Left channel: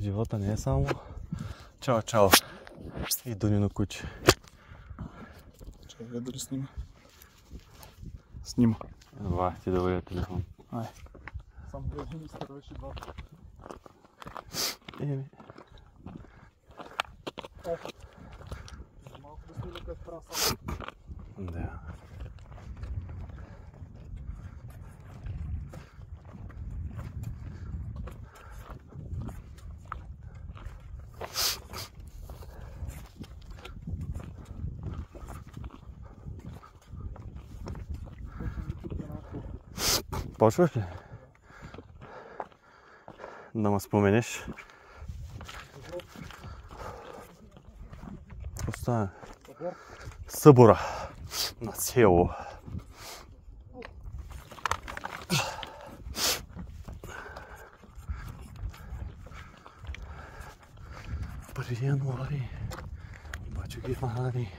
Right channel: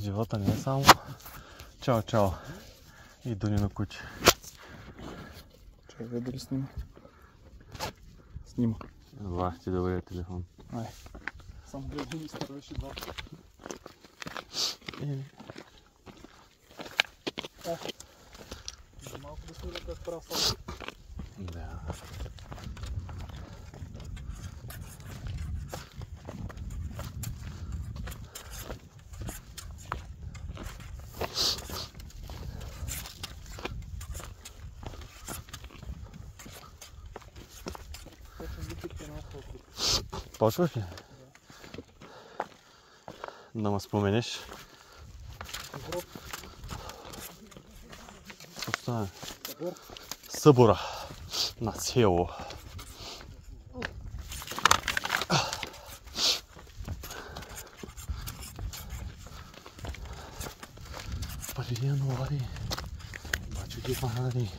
Живота не е само чао, чао и Дунино куче. Чакай дали снима. Снима. Това ти да бъде телефон. Ай. Сам гледам и изтърваш и два. О! Малко да снима как правя сам. Да. Почваш ли? Да ме споменеш. Остане. Събора на село. Преди януари. Обаче ги фанали.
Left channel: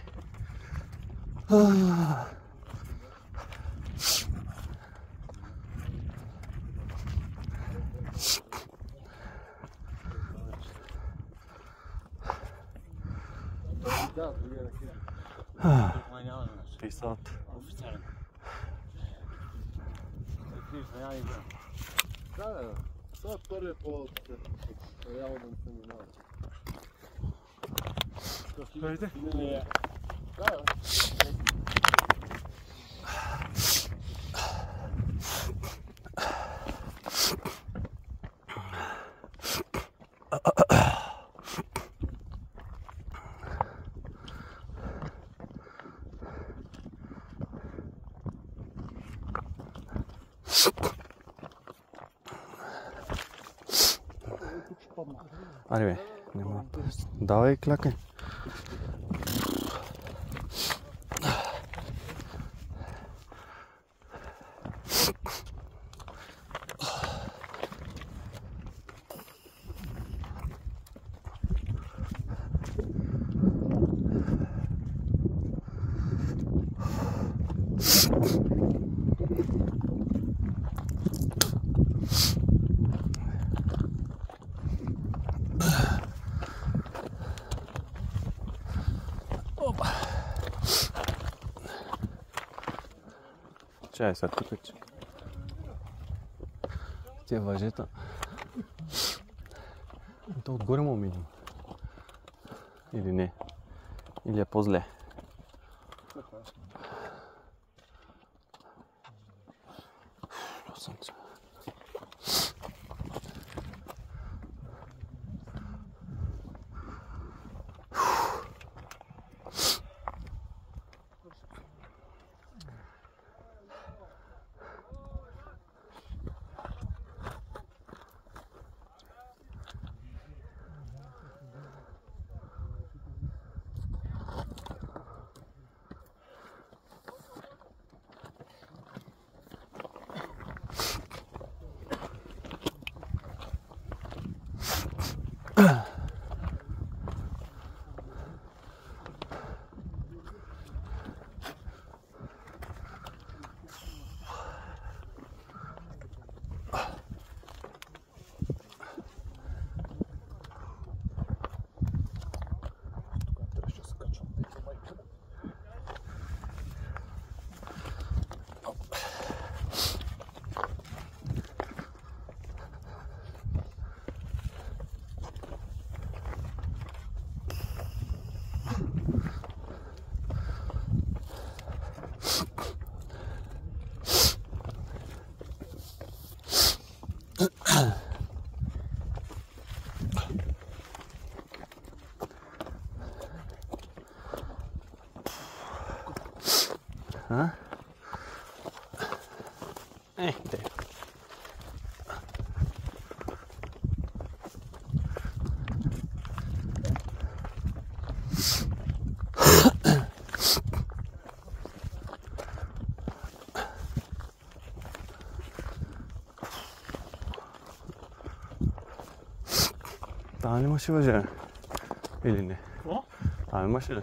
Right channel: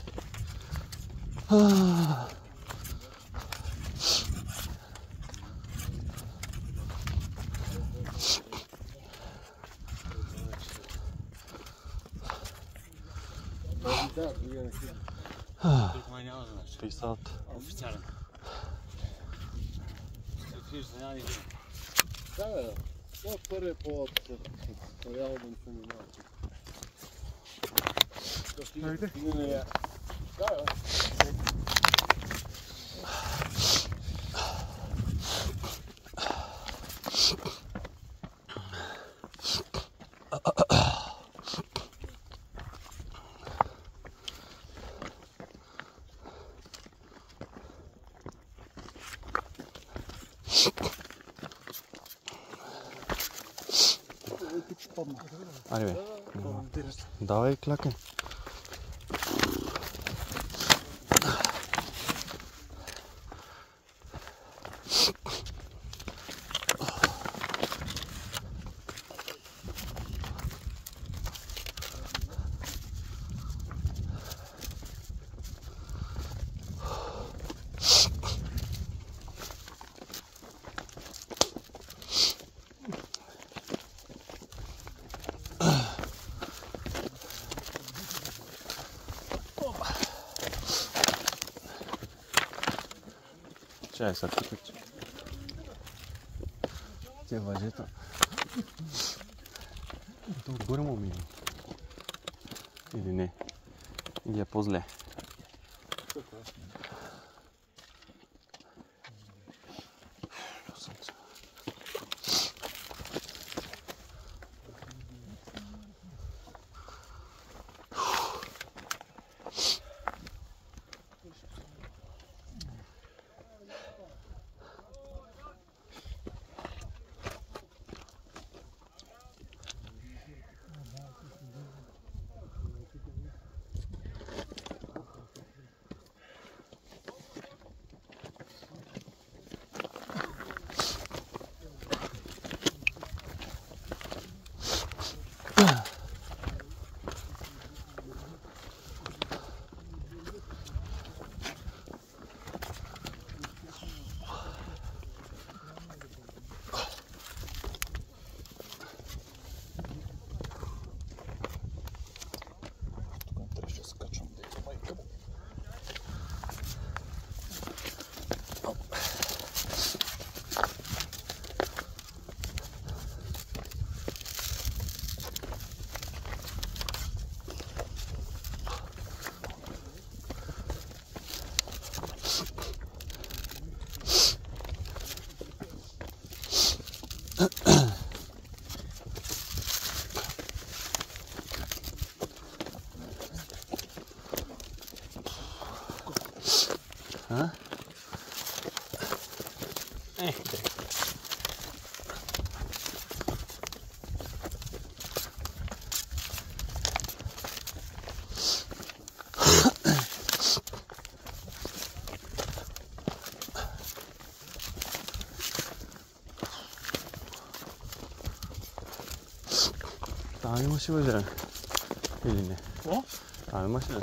Писат. Да, това е първият повод реално да не се минава. Да, Айде бе, давай клякай. Чай са пикачи. Те въжета. То отгоре му мине. Или не? Или е по-зле? А? Те. Там имаше въже. Или не? Какво? Там имаше ли?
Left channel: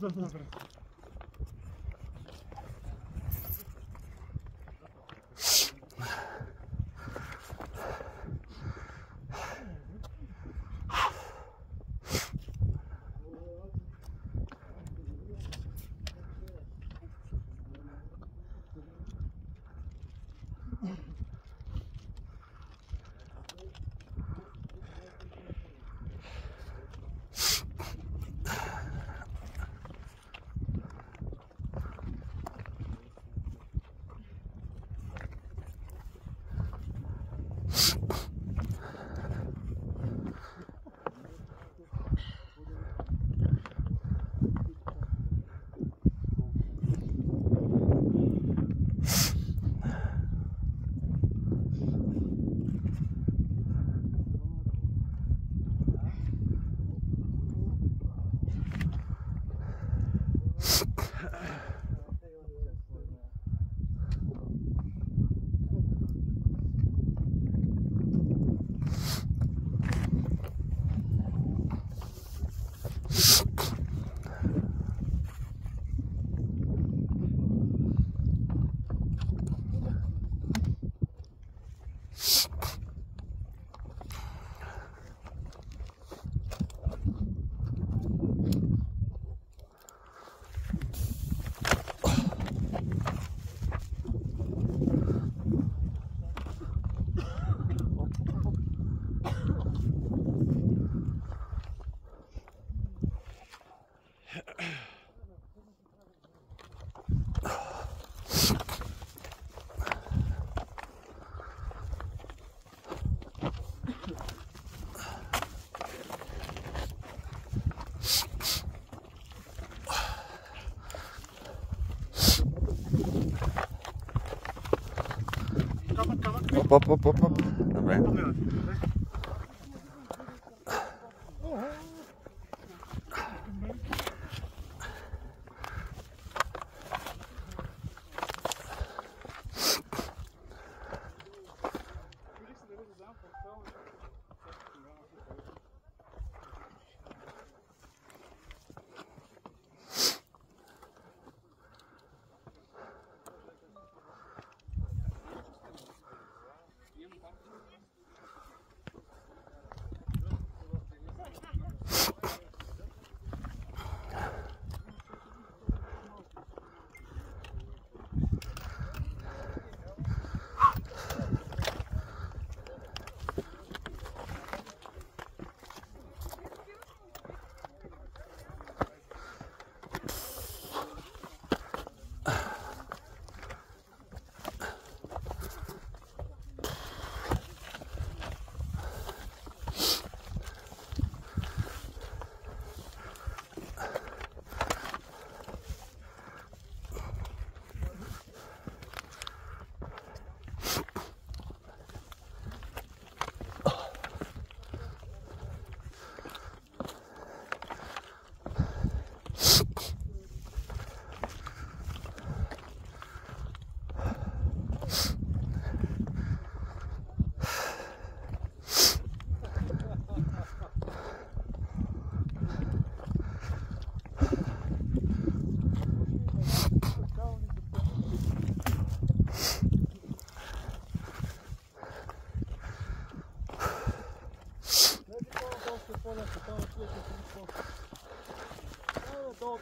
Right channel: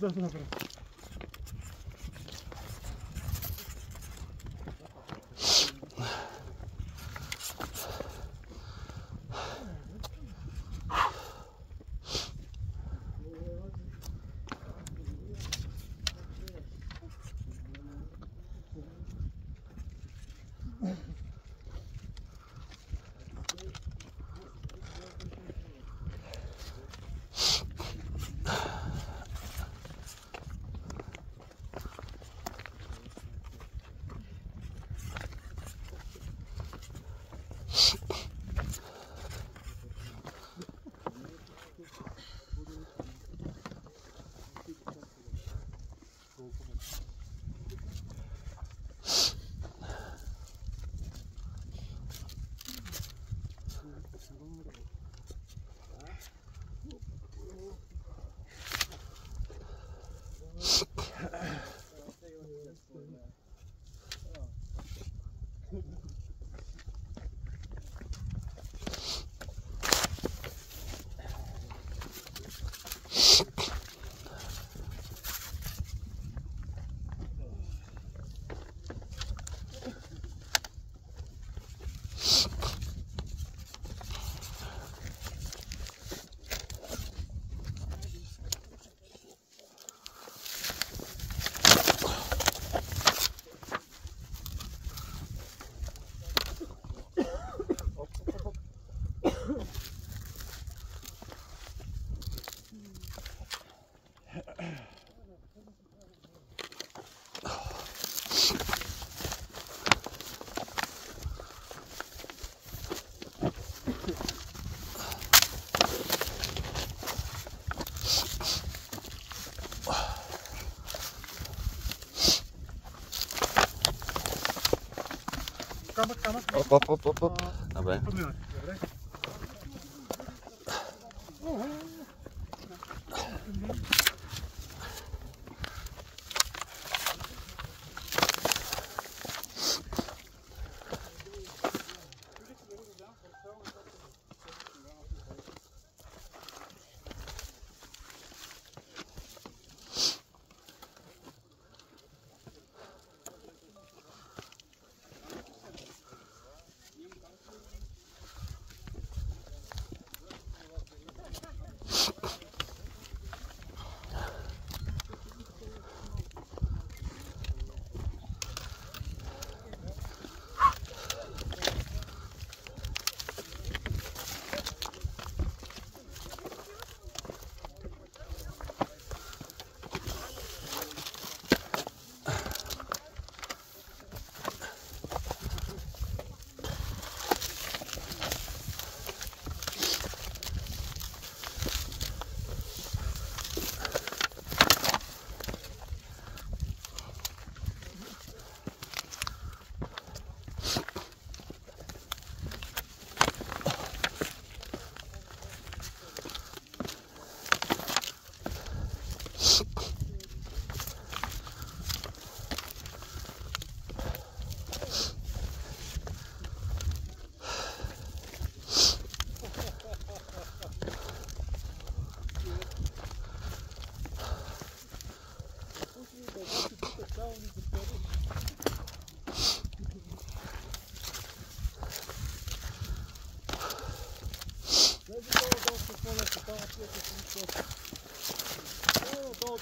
бързо напред. Оп. Добре.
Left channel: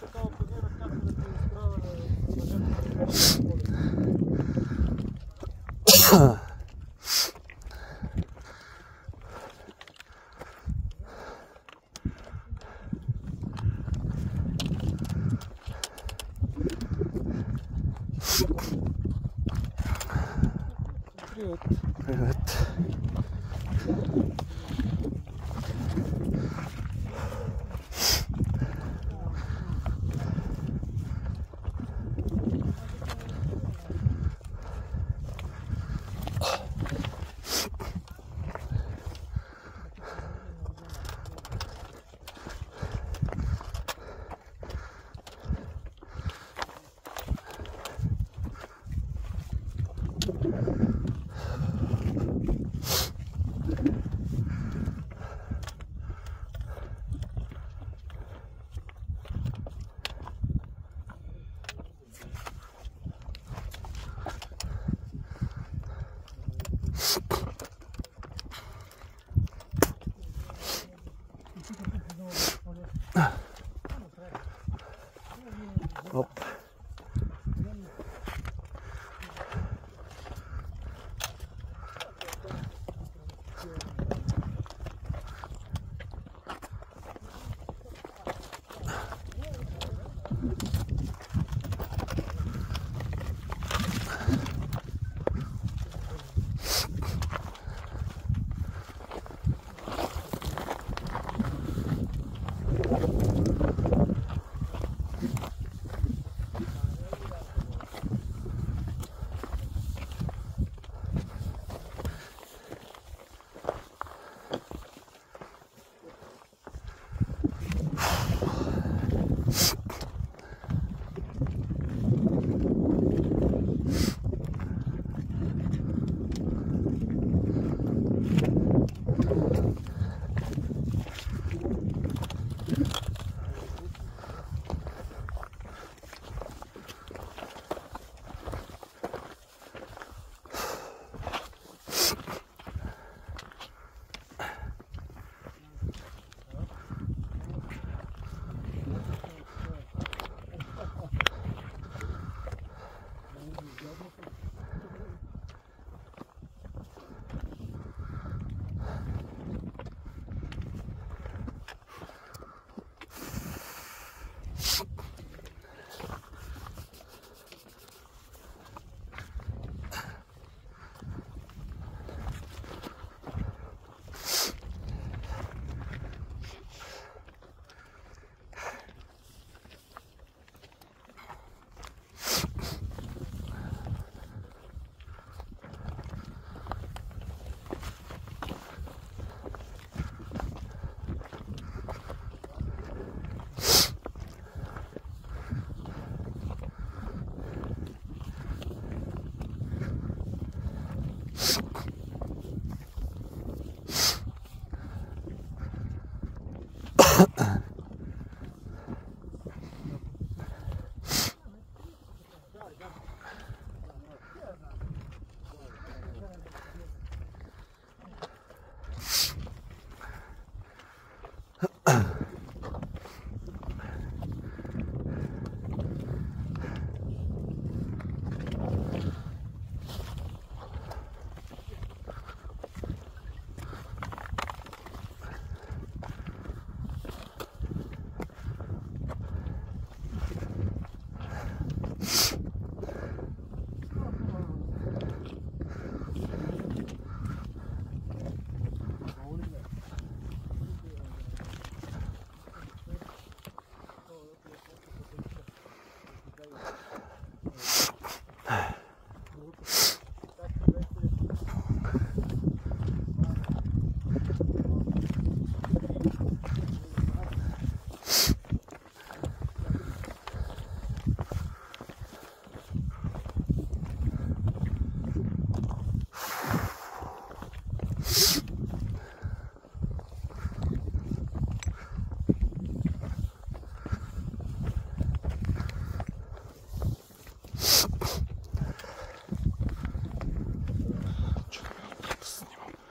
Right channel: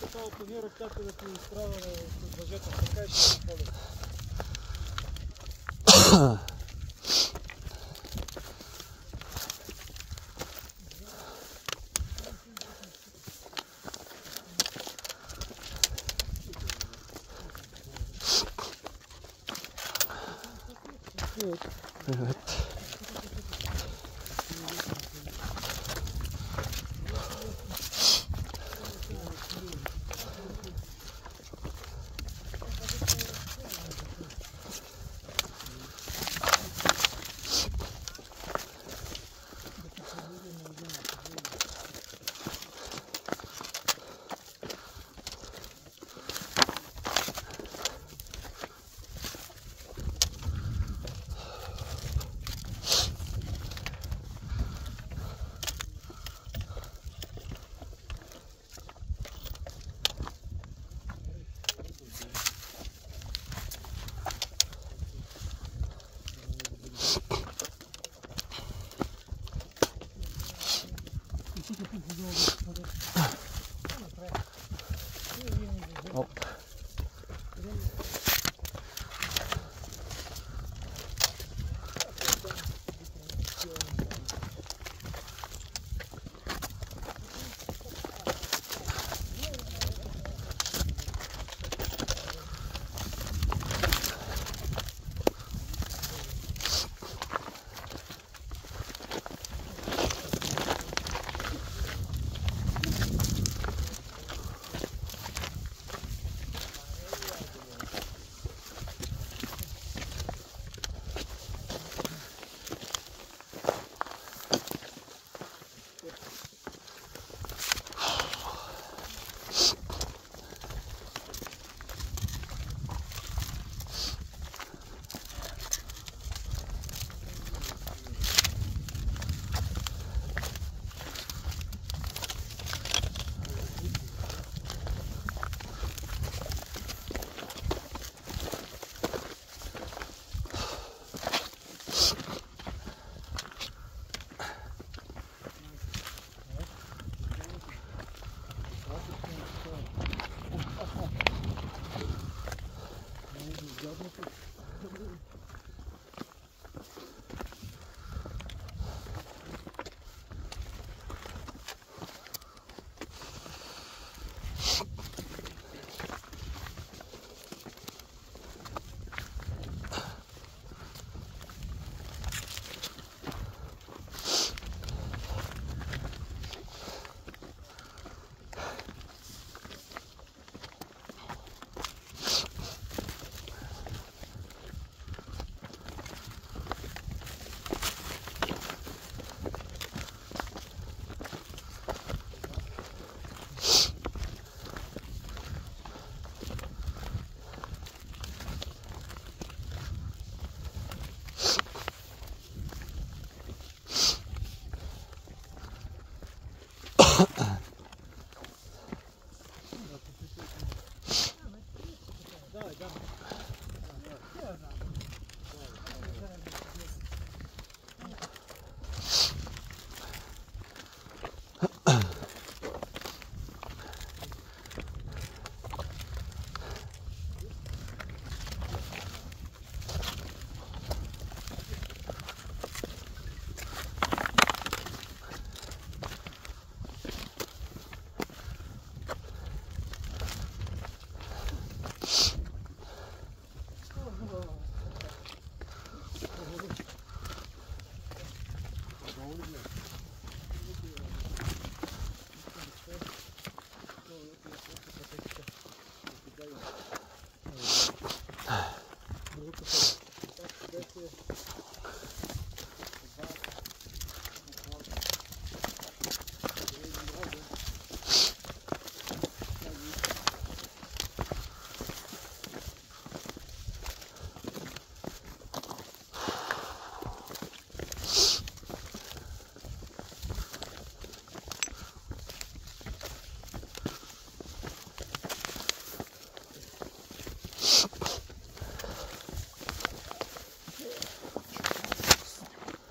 Такава планира, както да ти изправя въжето, така ще моля. Привет. Оп.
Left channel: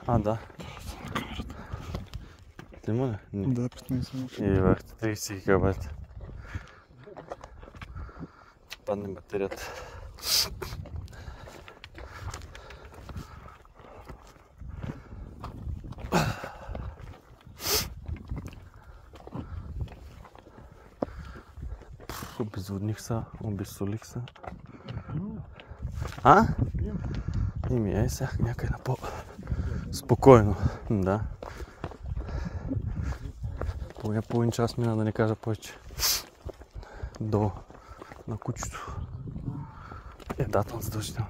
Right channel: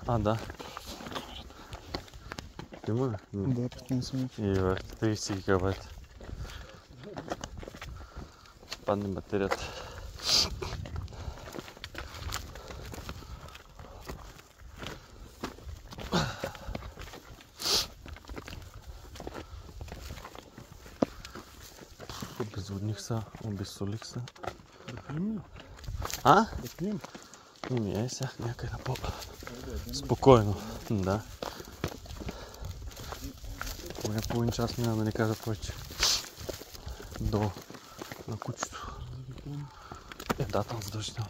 А, да. Има ли? Да, 15 минути. И върху 30 гигабайта. Падне батерията. Обезводних са, обезсолих се. А? Ими, ей сега някъде на по-спокойно. Да. Поне половин час мина, да не кажа повече. Долу на кучето. Да, там задължително.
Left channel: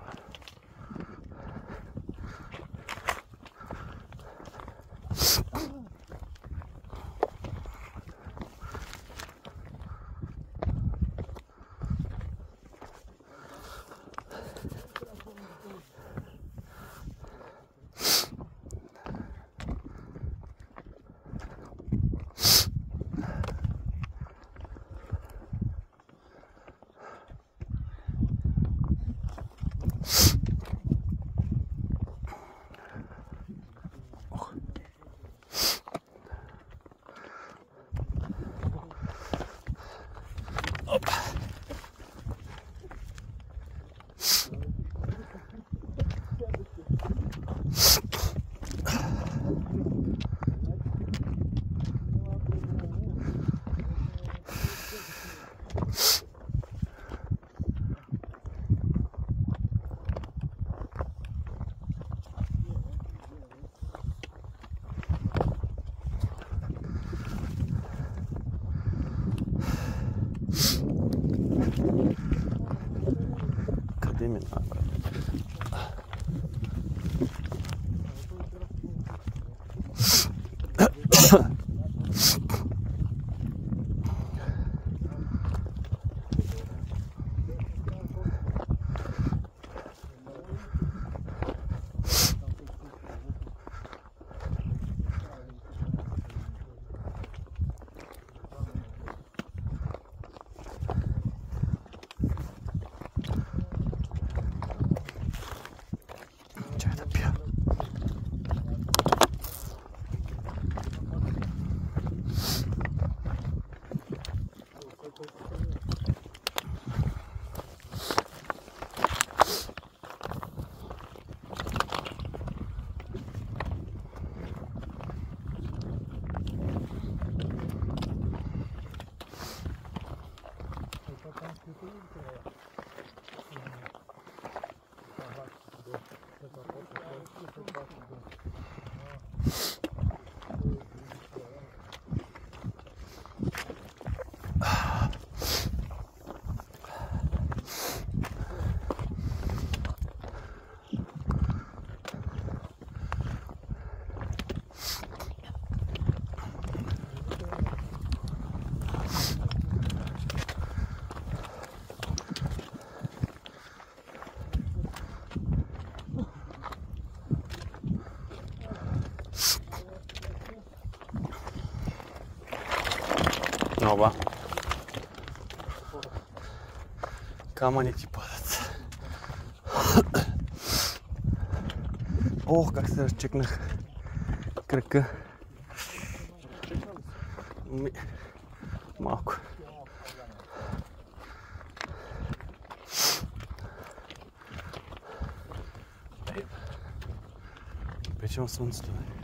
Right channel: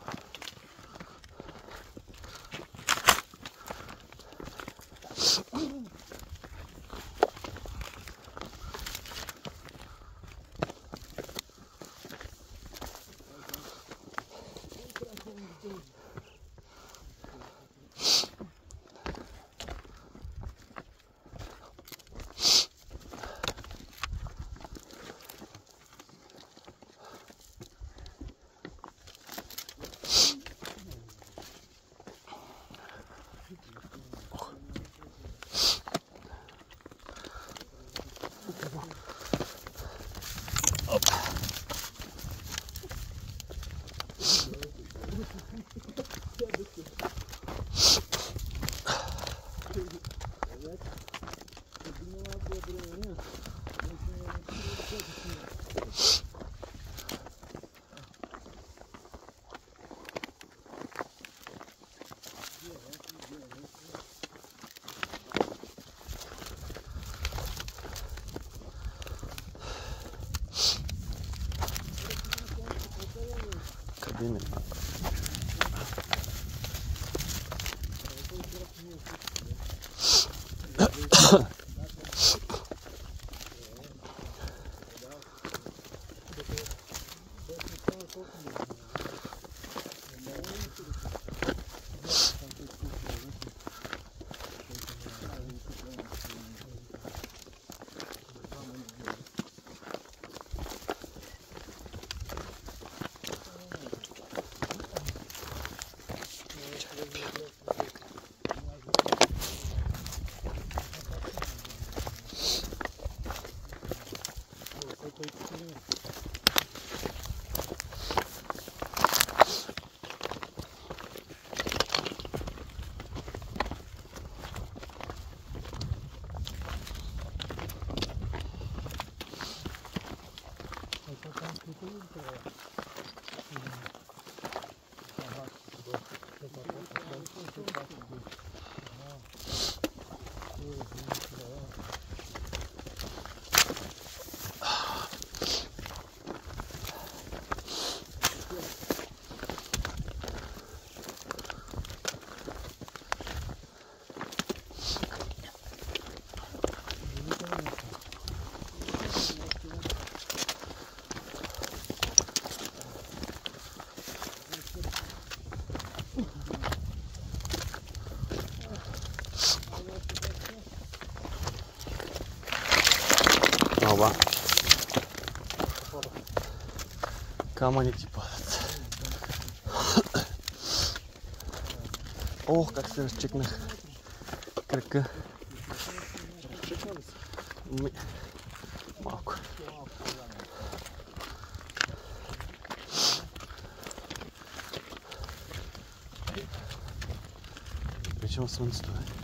именно. Оба. Камъни ти падат. Ох, как се разчекнах кръка. Малко. Вече слънцето е.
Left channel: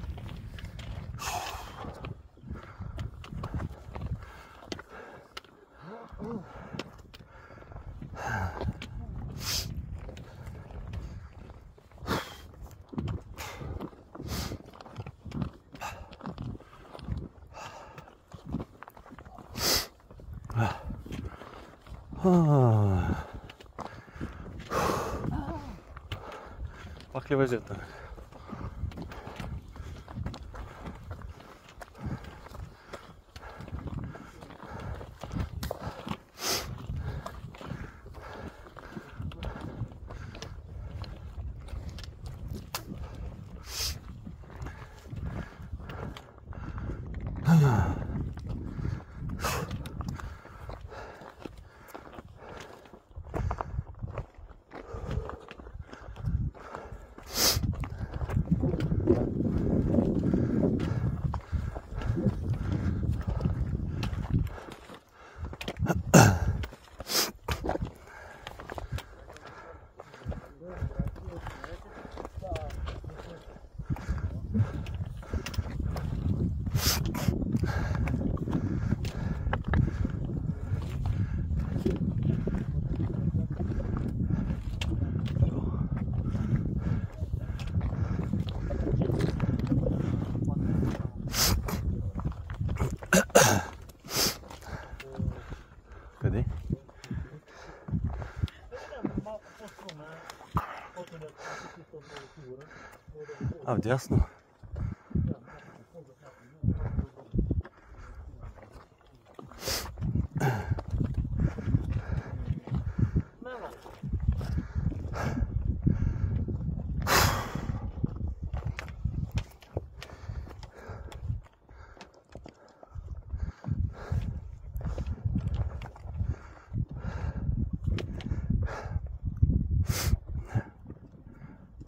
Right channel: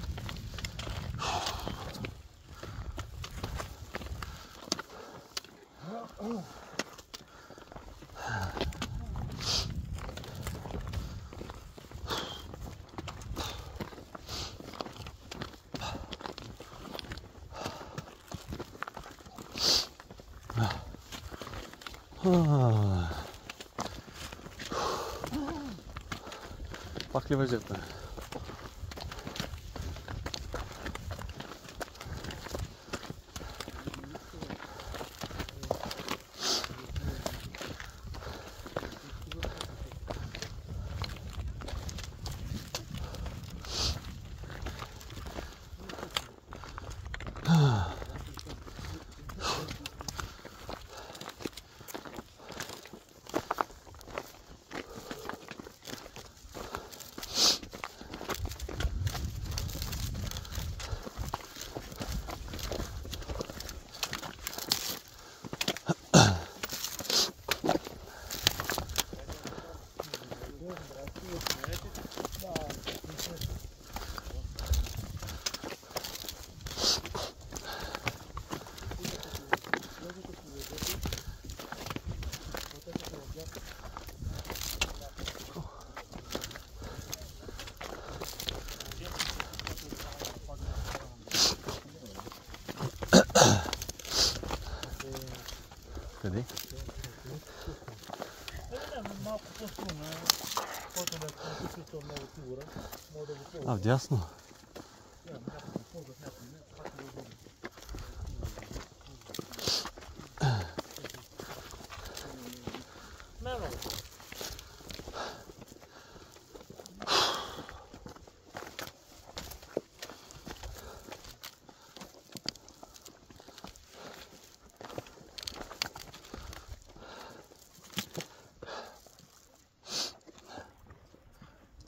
Пак ли въжета? Къде? Малко по-струмна, който да е чувствал много сигурен, мога да го ползва. А, вдясно. Не е много.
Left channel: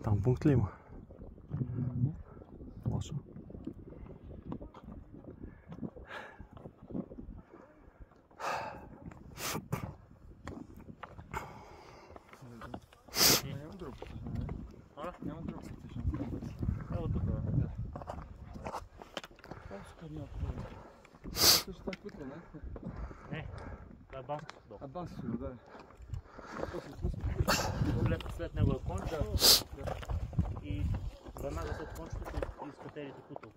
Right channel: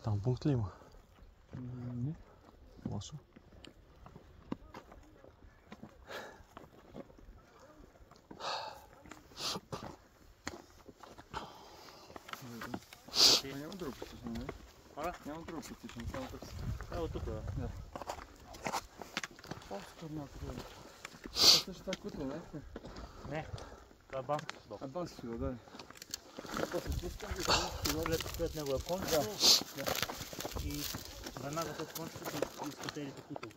Там пункт ли има? Не. Лошо. Няма друг практично, не? Няма друг практично, само бърз. Ево тук, Да. По-скоро някакво да е. Това също това кутро, не? Не, това е банското седо. А банското, да. След него е кончето и веднага след кончето са изкателите кутро.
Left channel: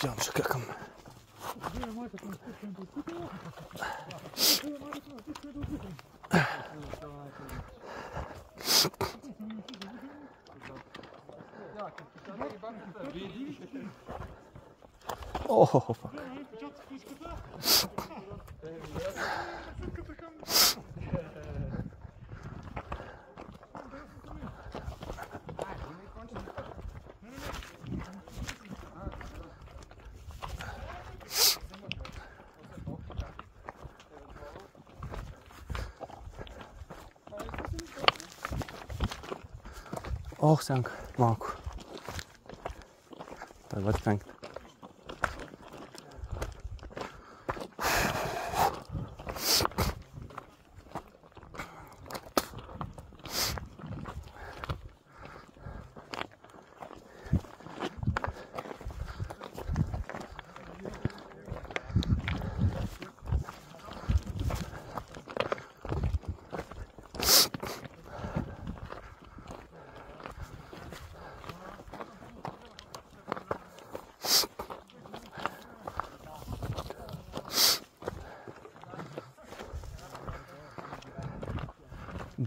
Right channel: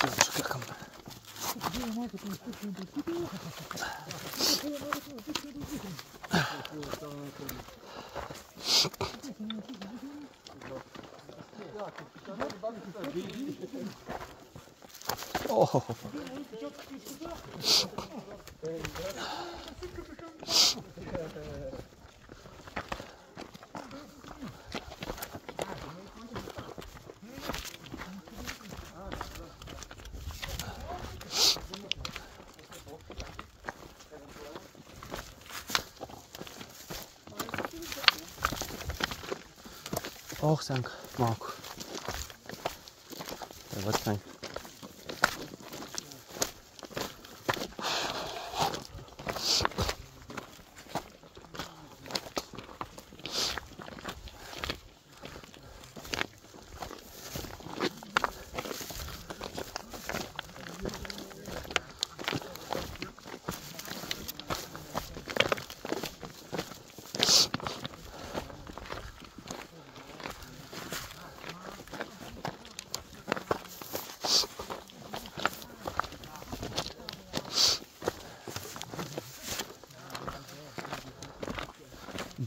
Тя ще какам. О, ох, сянка, малко. Това сянка.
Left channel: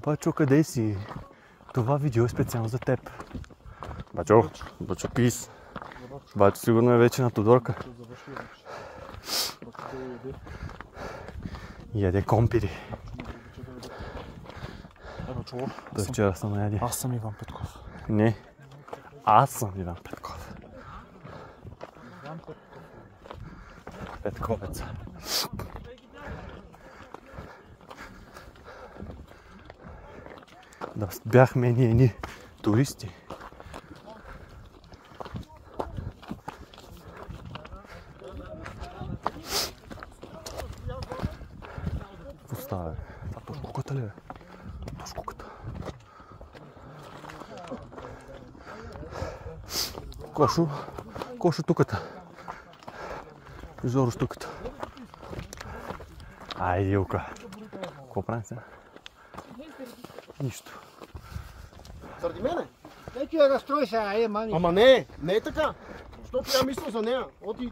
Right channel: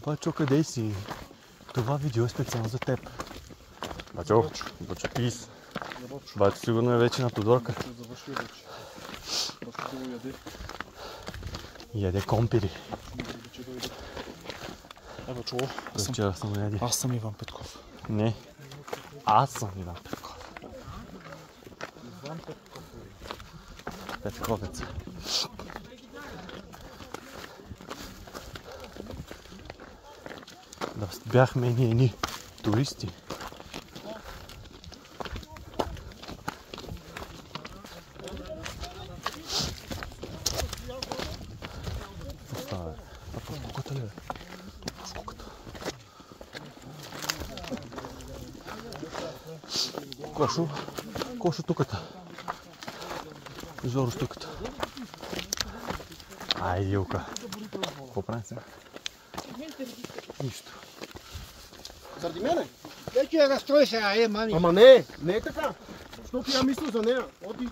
Бачо, къде си? Това видео е специално за теб. Бачо, Бачо пис. Бачо сигурно е вече на Тодорка. Яде компири. Бачо, До вчера съм яде. аз съм Иван Петков. Не, аз съм Иван Петков. Петковец. Да бяхме ние туристи. Остава, по скуката ли? По скуката. Кошу туката. Зоро штуката. Айде, Илка. Какво правим сега? Нищо. Заради мене? Не че я разстрои сега, мани. Ама не е така. Защото я мисля за нея. Оти.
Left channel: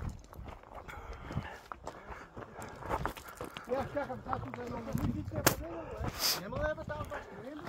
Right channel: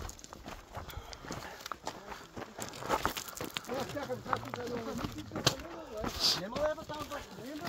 Няма да е там, няма.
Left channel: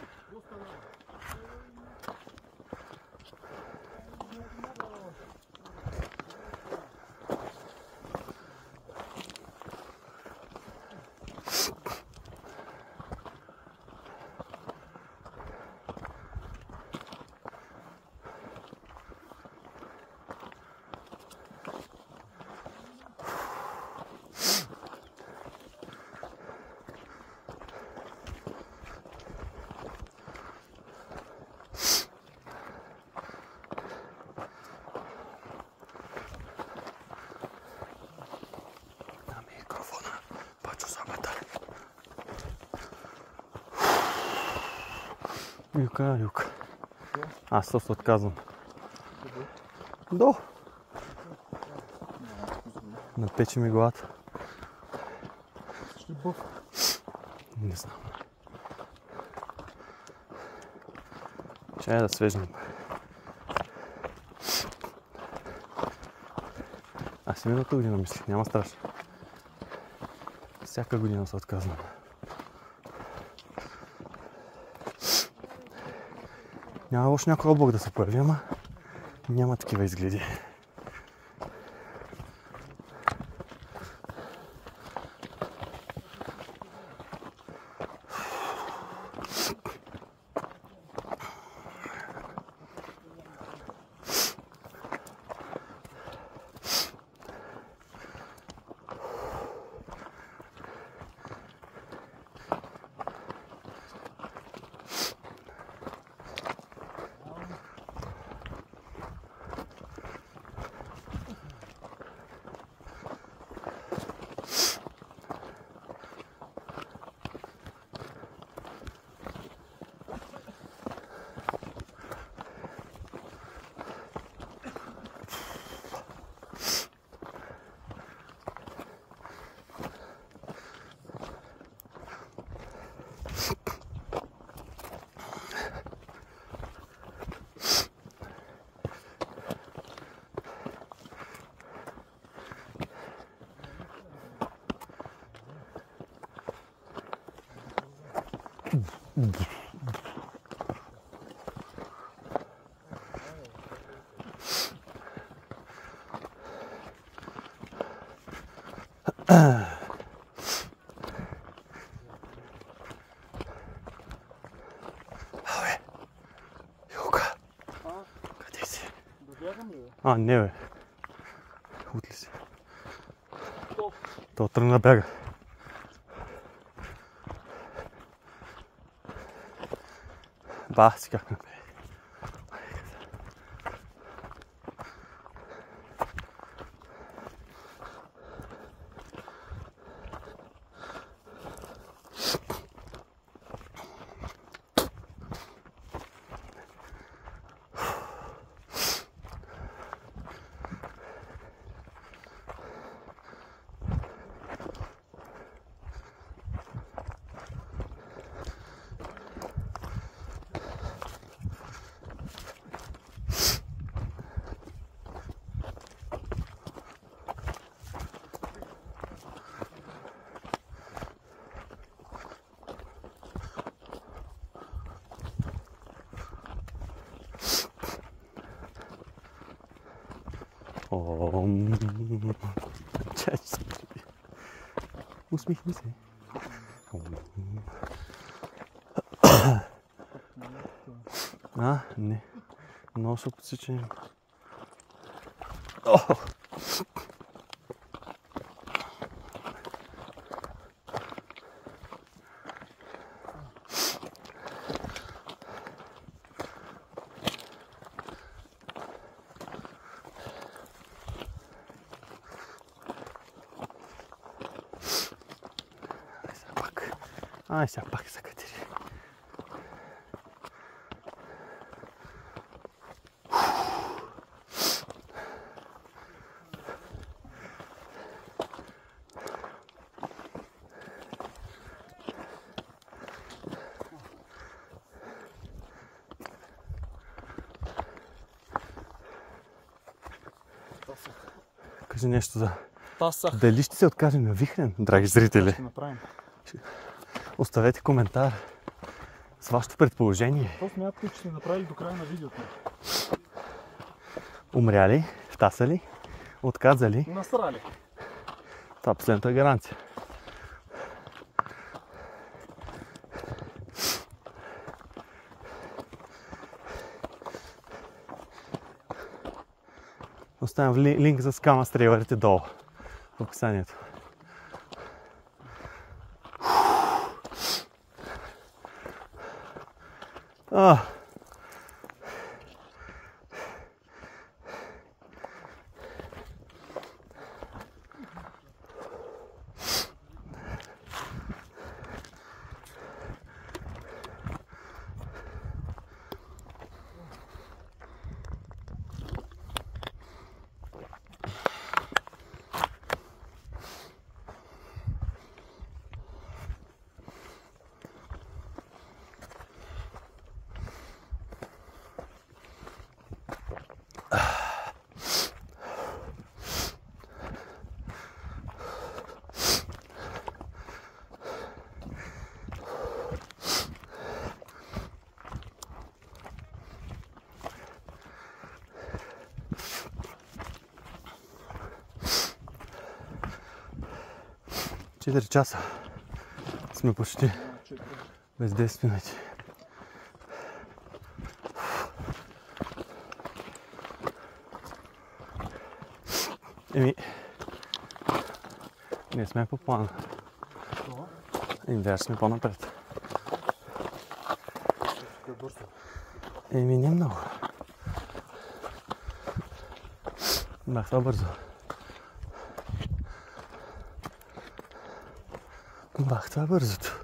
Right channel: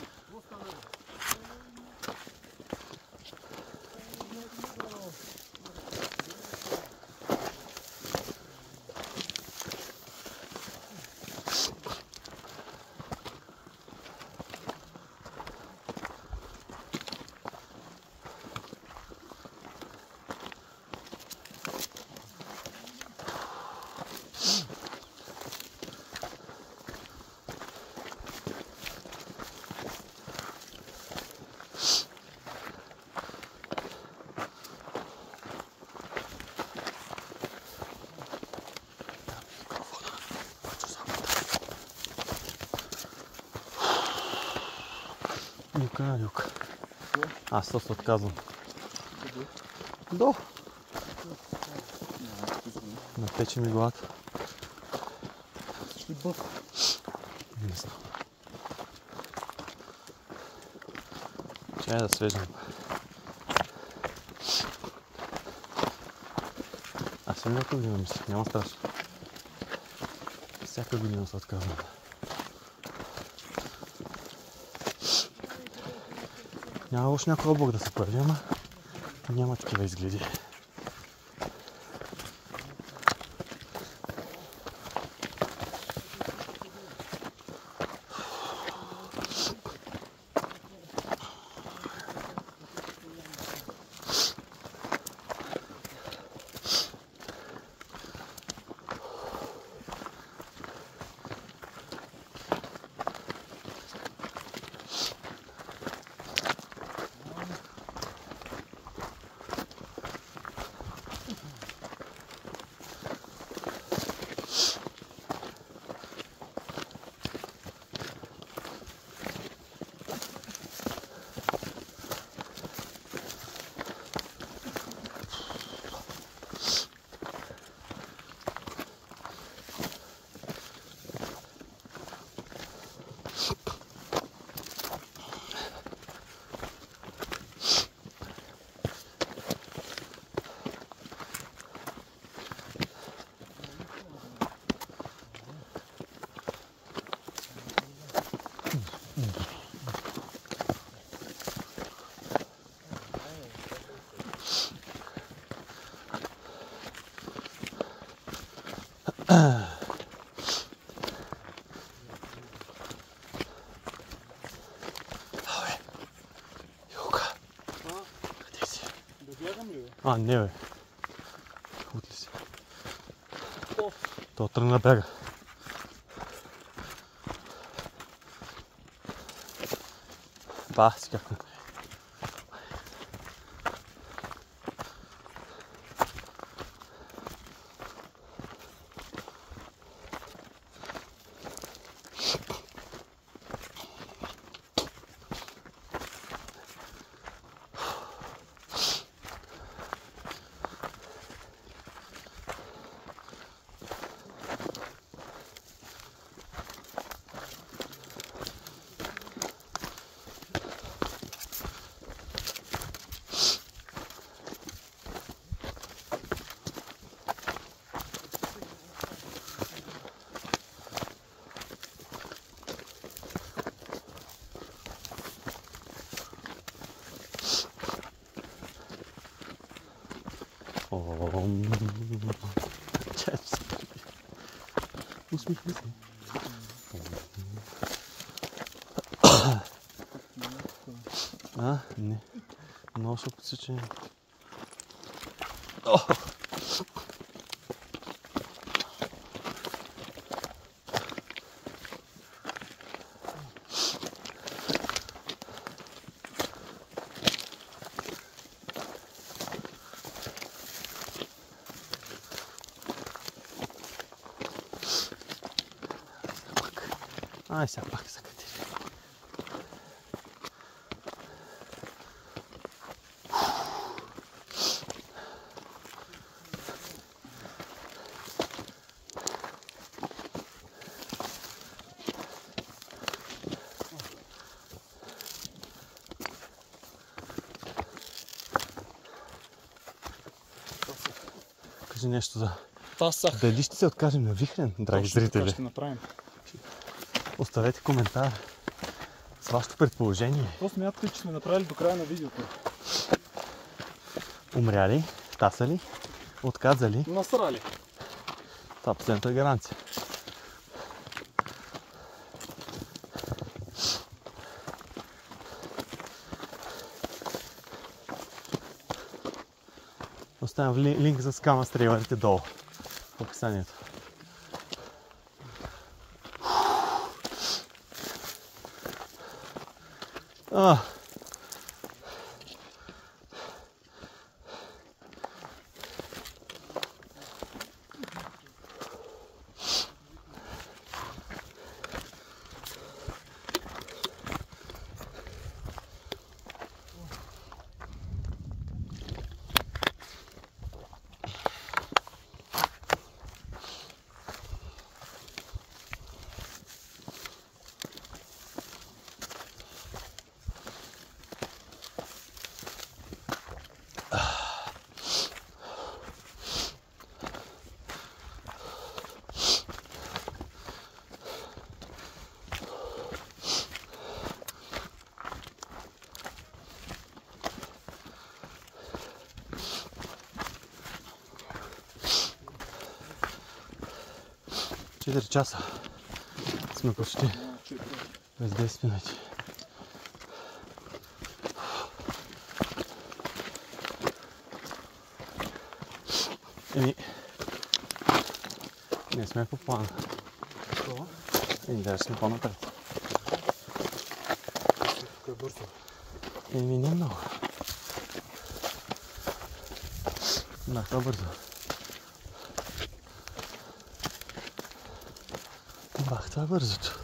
Юка. Аз се отказвам. До. Напече ми главата. Не знам. Чай да свеждам. Аз миналата година мисля, няма страшно. Всяка година се отказвам. Няма още някой облак да се появи, ама няма такива изгледи. Йока. Къде си? Да бягам ли, бе? А, не бе. Утли си. То тръгна бяга. Ба, си как на къде. Чачи. Усмихни се. А, не. Много се подсича. Ай, сега пак се катери. Кажи нещо за... Тасах. Дали ще се откажем на вихрен, драги зрители? Ще направим. Оставете коментар с вашето предположение. Какво смятате, че сме направили до края на видеото? Умряли, тасали, отказали. Насрали. Това последната е гаранция. Оставям линк за скама с трейлерите долу в описанието. Четири часа сме почти без 10 минути. Еми, не сме по плана. И даже сме по-напред. Еми, не много. Да, това бързо. Бах, това бързото.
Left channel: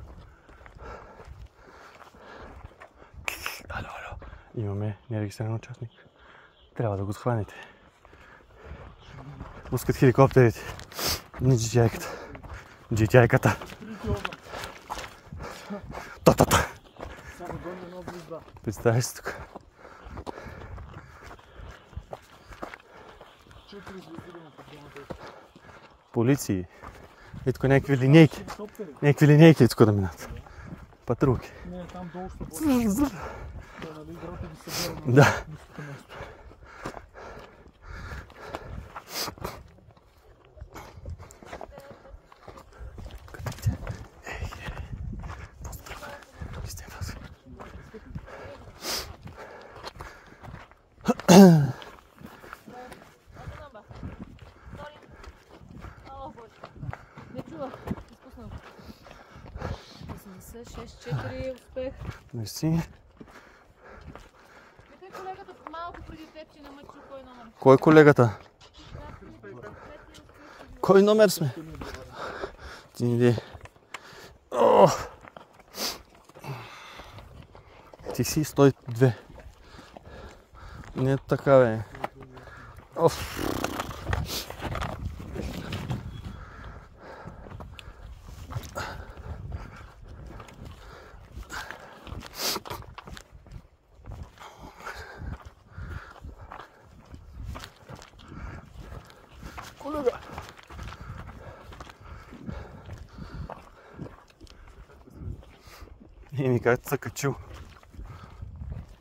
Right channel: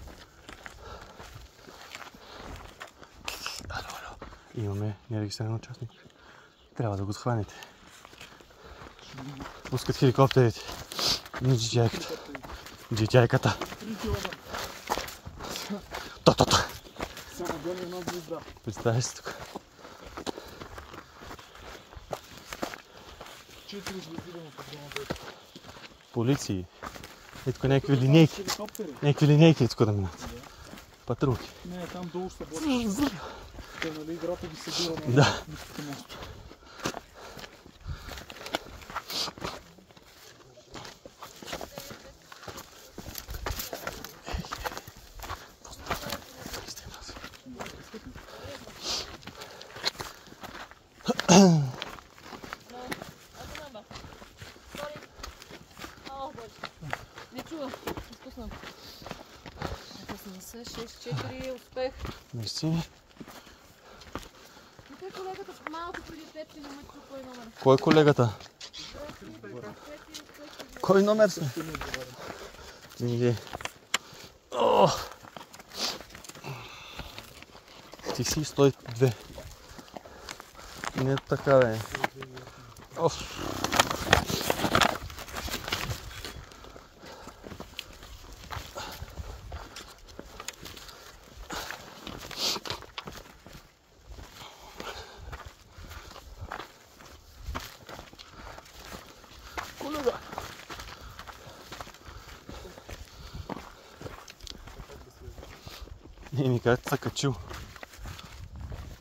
Ало. Имаме нерегистриран участник. Трябва да го схванете. Пускат хеликоптерите. Не джиджайката. Джиджайката. То. Само гони една звезда. Представи се тук. 4 звезди да му подгонат. Полиции. Ето тук някакви линейки. Хеликоптери. Някакви линейки тук да минат. Патрулки. Не, там долу ще бъде. Те, нали, играта ги събира на Да. ниските моста. Не чува. Изпуснал. 6-4, успех. Мерси. Тук колегата малко преди теб, че не ме чу кой номер. Кой е колегата? Кой номер сме? Ти си 102. Не така бе. Колега. Ми как се качил?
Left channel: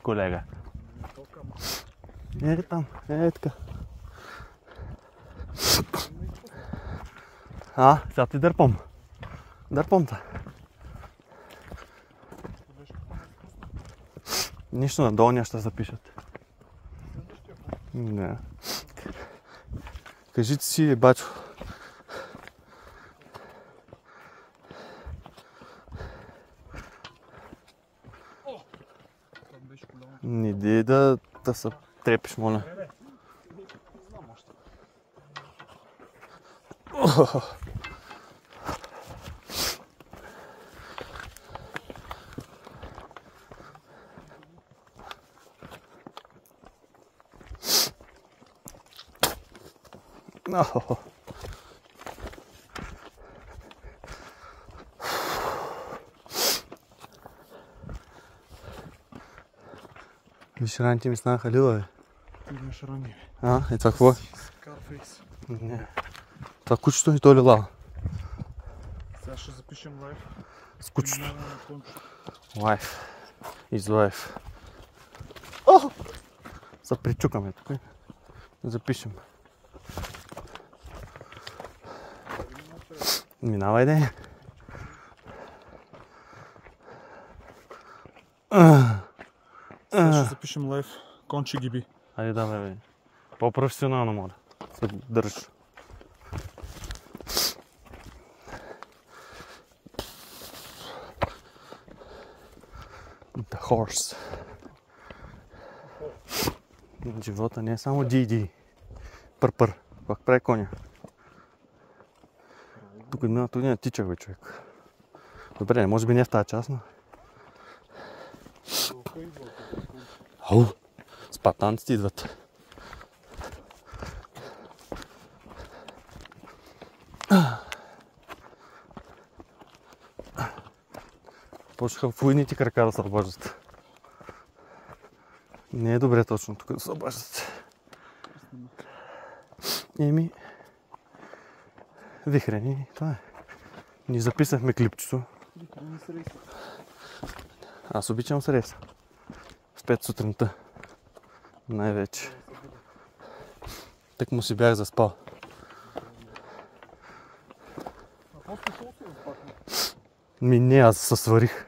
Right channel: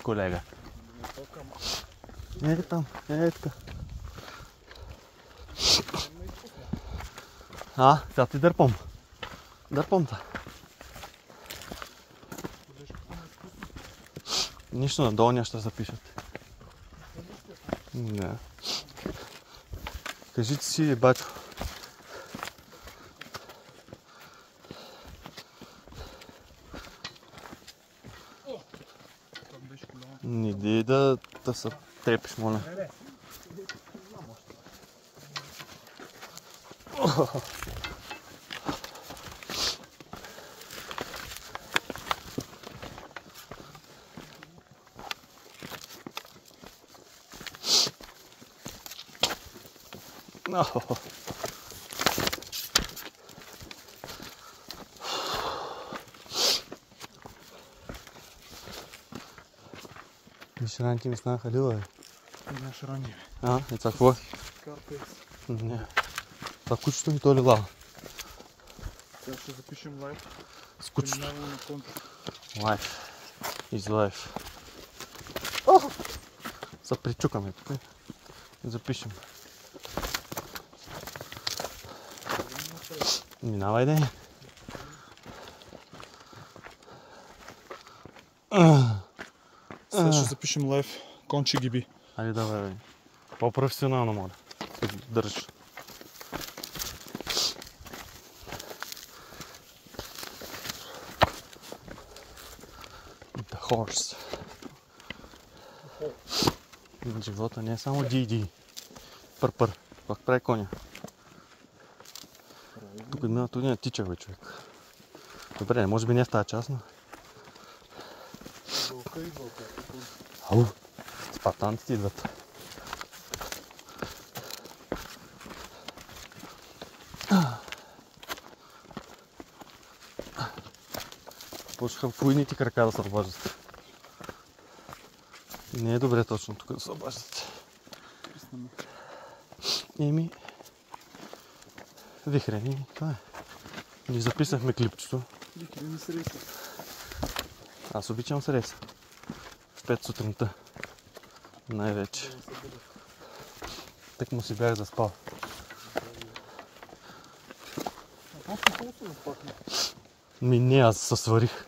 Колега. Там, така. Сега ти дърпам. Дърпам те. Нищо на долния ще запишат. Не. Кажите си, бачо. Не дей да се трепиш, моля. Виж, раните ми станаха лила, бе. Наш ранни. И това какво? Карфейс. Не. Това кучето и то лила. Сега ще запишем лайв. С кучето. Минаваме на кончо. Лайф. Из лайф. Се причукаме тук. Запишем. Минавай, де. Сега ще запишем лайв. Конче гиби. Айде да, бе. По-професионално, моля. Се държиш. The horse. Живота не е само ди-ди. Пър-пър. Как прави коня? Тук не тичах, бе, човек. Добре, може би не в тази част, но... Ау! Спартанците идват. Почнаха в уйните крака да се обаждат. Не е добре точно тук да се обаждат. Еми... Вихрени, това е. Ние записахме клипчето. Вихрени с рейса. Аз обичам с рейса. С 5 сутринта. Най-вече. Так му си бях заспал. Не, аз се сварих.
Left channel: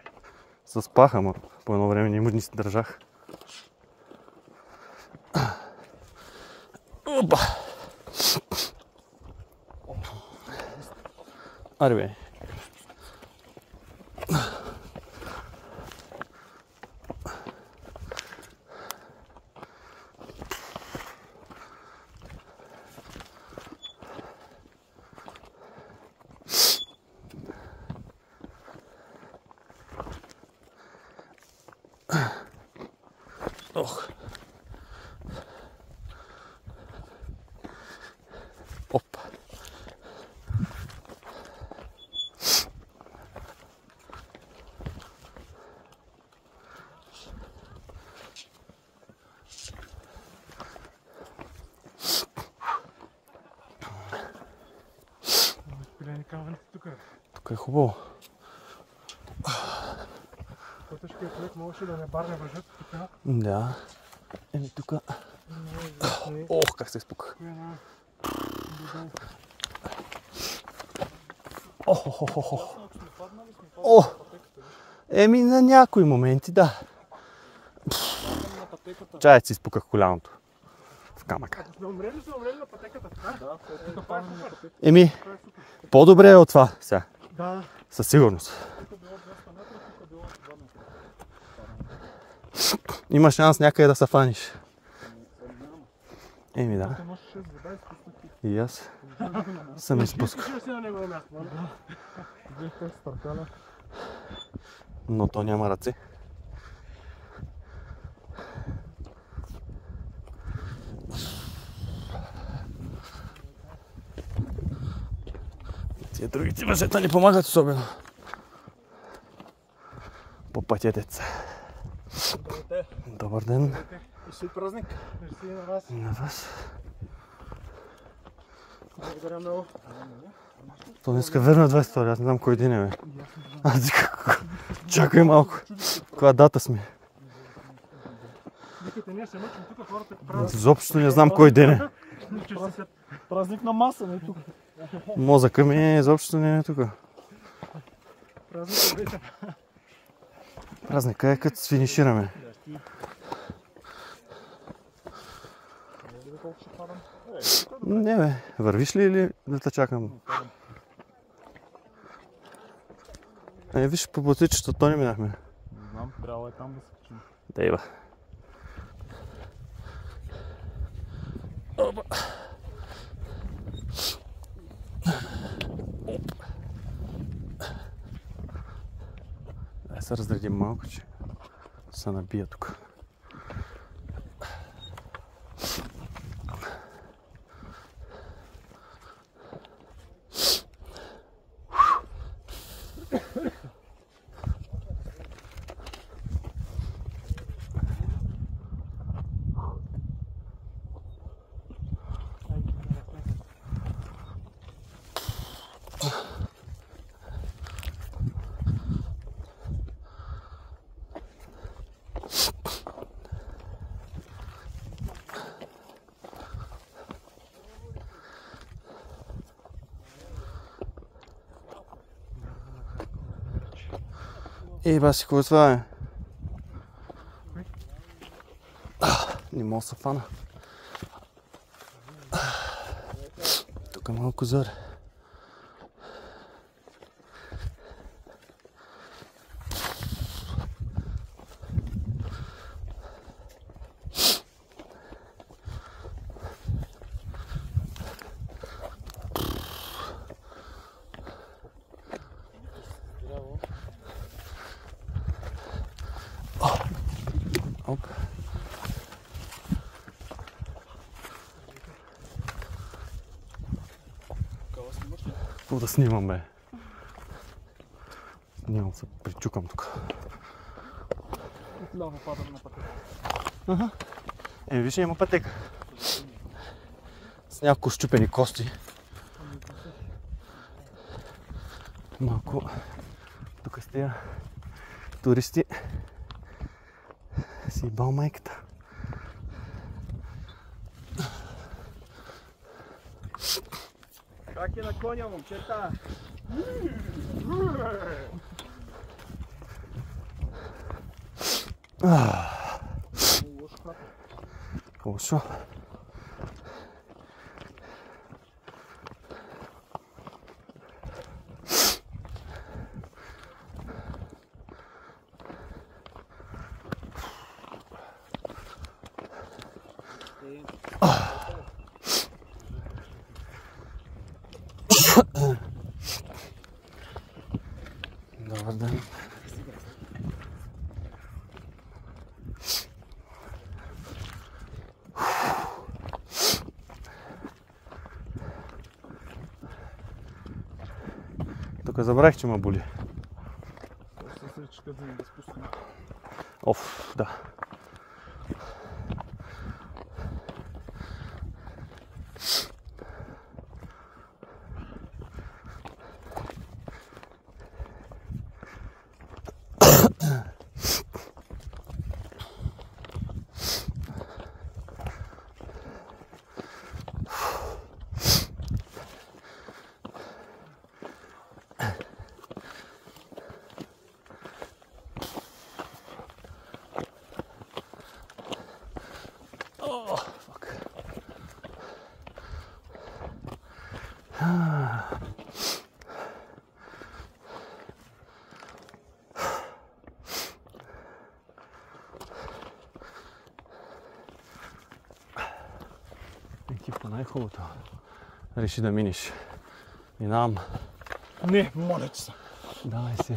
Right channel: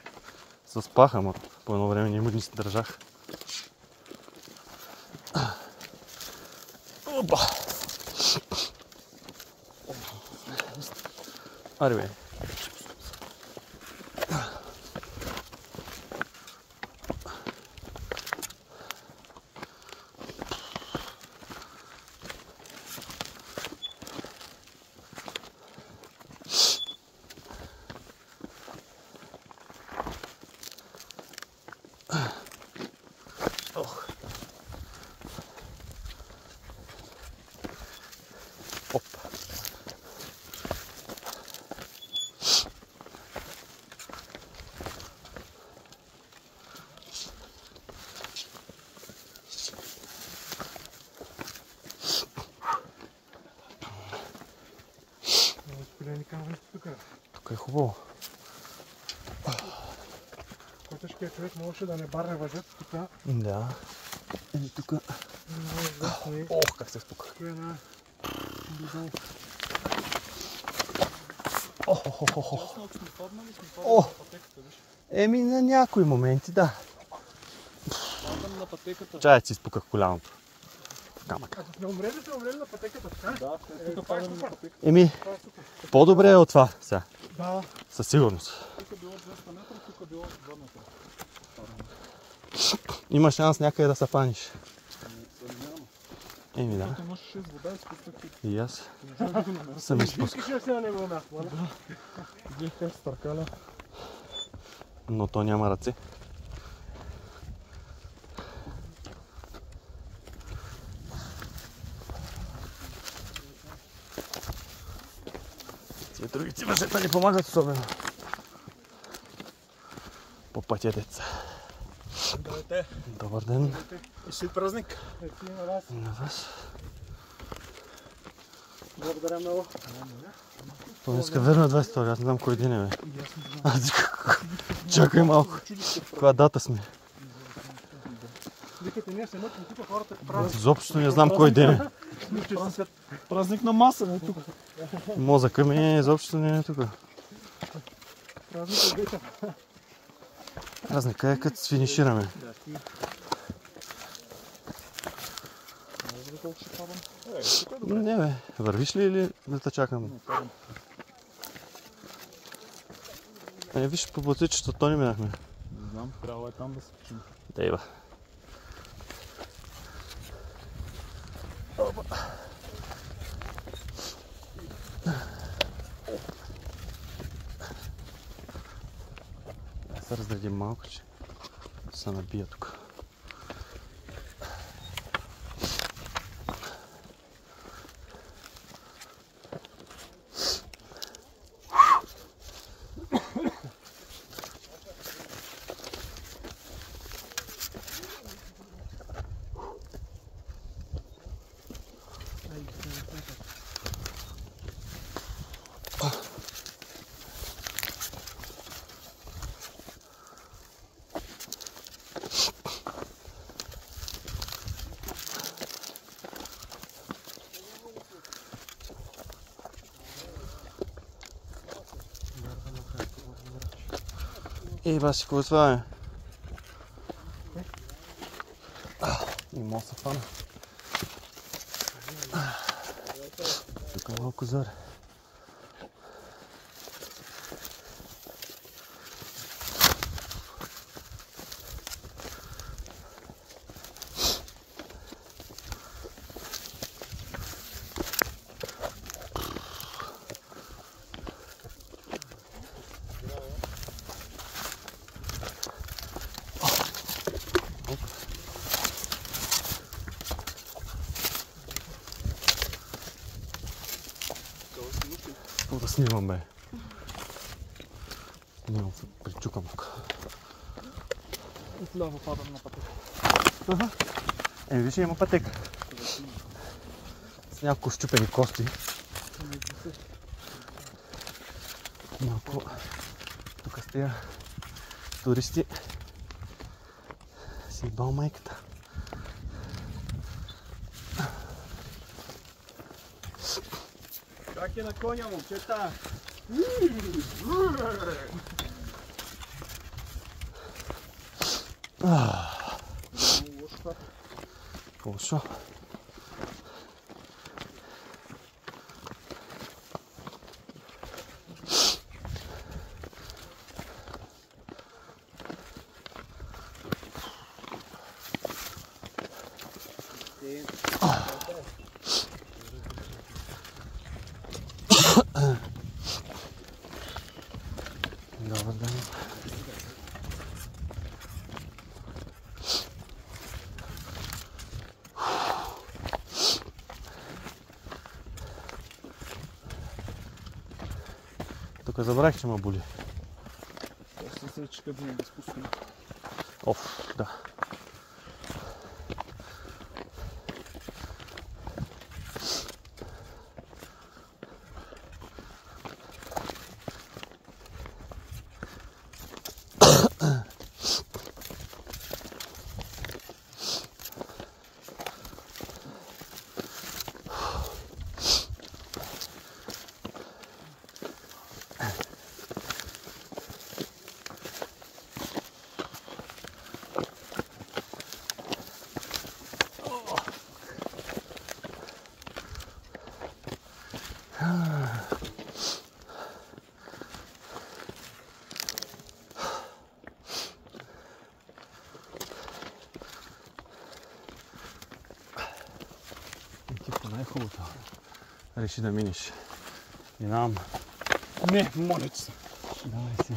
Заспах, ама по едно време не се държах. Опа! Аре бе. Ох. Оп. Тук е хубаво. По-тежкият човек можеше да не барне въжат така. Да. Еми тук. Ох, как се спука. Еми на някои моменти, да. Чай си спуках коляното. камъка. Ако сме умрели на пътеката, така? Да, тук падаме на пътека. Еми, по-добре е от това сега. Да. Със сигурност. Тук било 200 метра, тук било 2 метра. Имаш шанс някъде да се фаниш. Еми да. Тук носиш с вода и спусках И аз съм изпускал. Искаш ли си на негово място, нали? Да. Взех как с търкаля. Но то няма ръце. Тия другите възета ни помагат особено. По пътя деца. Здравейте. Добър ден И си празник. Мерси на вас. на вас. Благодаря много. То днеска верно 22, аз не знам кой ден е, бе. Чакай малко. Коя дата сме? Викате, ние се мъчим тук, хората правят. Изобщо не знам кой ден е. Празник на маса, не тук. Мозъка ми изобщо не е тук. Празник обичам. Празника е като финишираме. Колко ще падам? Не бе, вървиш ли или да те чакам? Виж по бутичето, то не минахме. Не знам, трябва е там да се качим. Дейва. Ай се разредим малко, че се набия тук. Баси, какво е това, бе? Не мога да се фана. Тук е малко зор. Какво да снимам, бе? Снимам се, причукам тук. Отляво падам на пътека. Виж, има пътека. С няколко щупени кости. Малко тук с тия туристи си бал майката. Как е на коня, момчета? Лошо. Добър ден. Тук забравих, че ме боли. Ще се чека да не да спускам. Оф, да. Екипа най-хубавото. Реши да минеш. Минавам. Не, моля ти се. Давай си.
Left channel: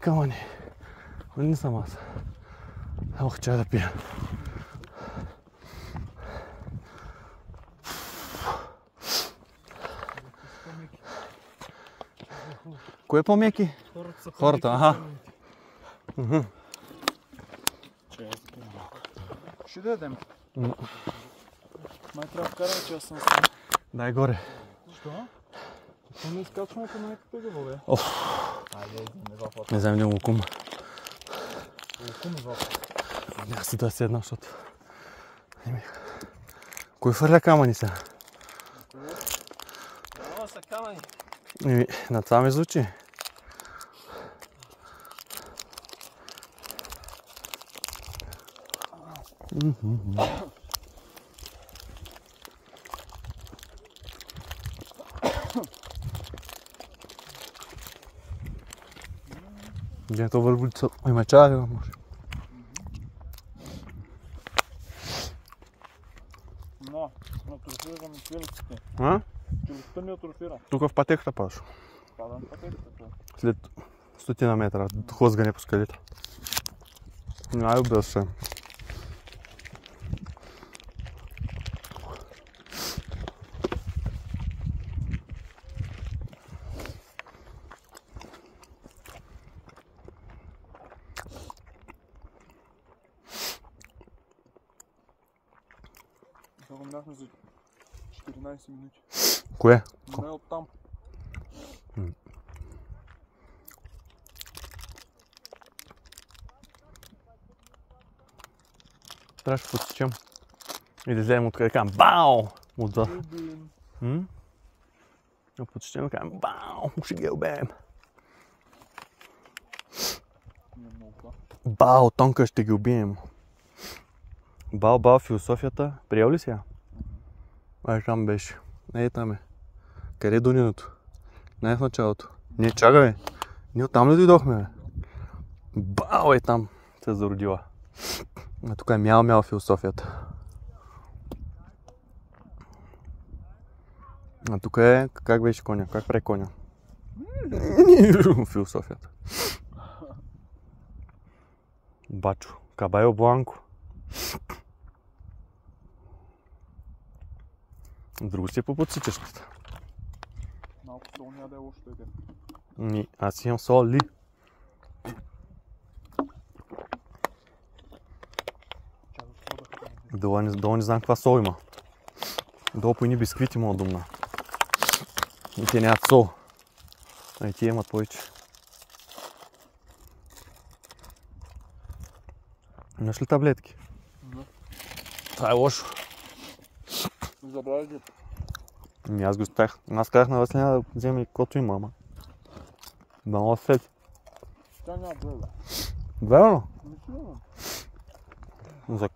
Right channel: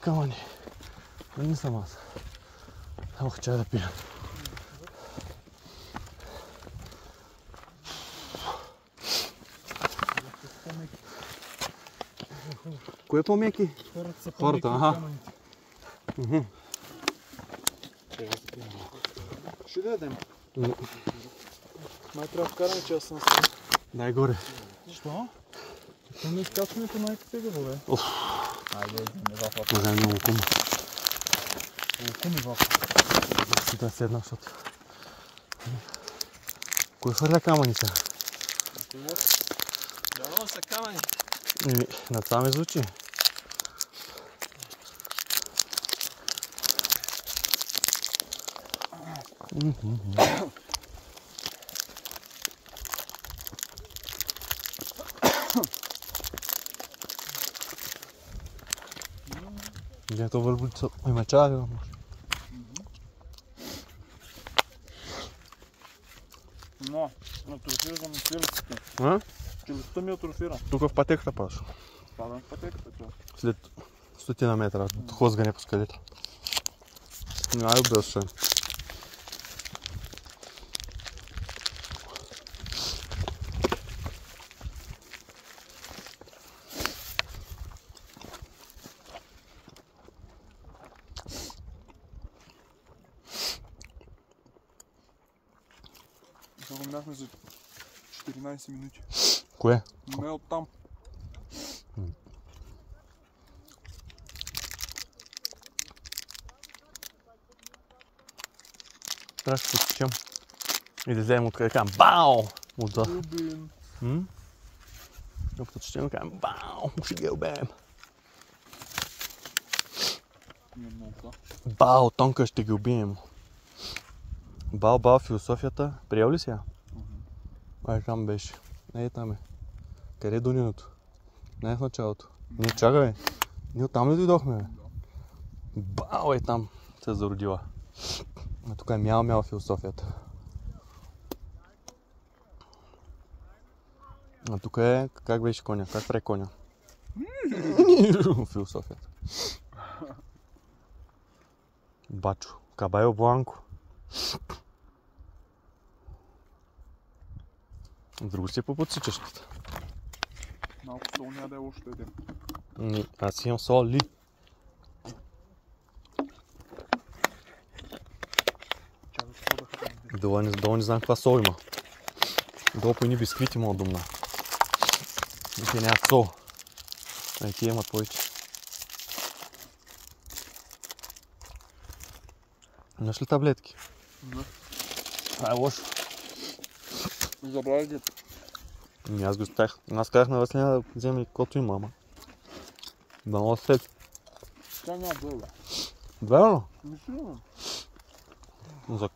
Камъни. Не съм аз. Ох, чай да пия. Кое е по-меки? Хората, аха. Ще дадем. Най-трябва вкарам, че аз съм Дай горе. Що? То не изкачването най-тегаво, бе. Айде, Не знам, не лукум. Лукум и вафа. Аз да седна, защото... Кой фърля камъни са? Да, са камъни. На това ме звучи. Где то върбулица? Има чай, може. Атрофира ми челюстите. А? Челюстта ми атрофира. Тук в пътеката паш. Падам пътеката, че. След 100 метра, хлъзгане по скалите. Най-добре ще. Загумяхме за 14 минути. Кое? Не оттам. Трябва да потечем. И да вземем откъде кажем бау! Отзад. Да потечем да кажем бау! Ще ги убеем. Бау! Тонка ще ги убием. Бау, философията. Приел ли сега? Ай, там беше. Не, там е. Къде е Дуниното? Не е в началото. Не, чакай, бе. Ние оттам ли дойдохме, бе? Бау е там. Се зародила. А тук е мяу философията. А тук е... Как беше коня? Как пре коня? Философията. Бачо. Кабайо Бланко. Друго си е по подсичащата. Малко сол няма да е лошо да едем. Не, аз имам соли. Долу не знам каква сол има. Долу по едни бисквити мога думна. И те нямат сол. А и тия имат повече. Имаш ли таблетки? Не. Това е лошо. Забравя ги. Аз го спрях. Аз казах на Василина да вземе каквото има, ама. Да мога след. Тя няма да е, бе. Верно? Мислено.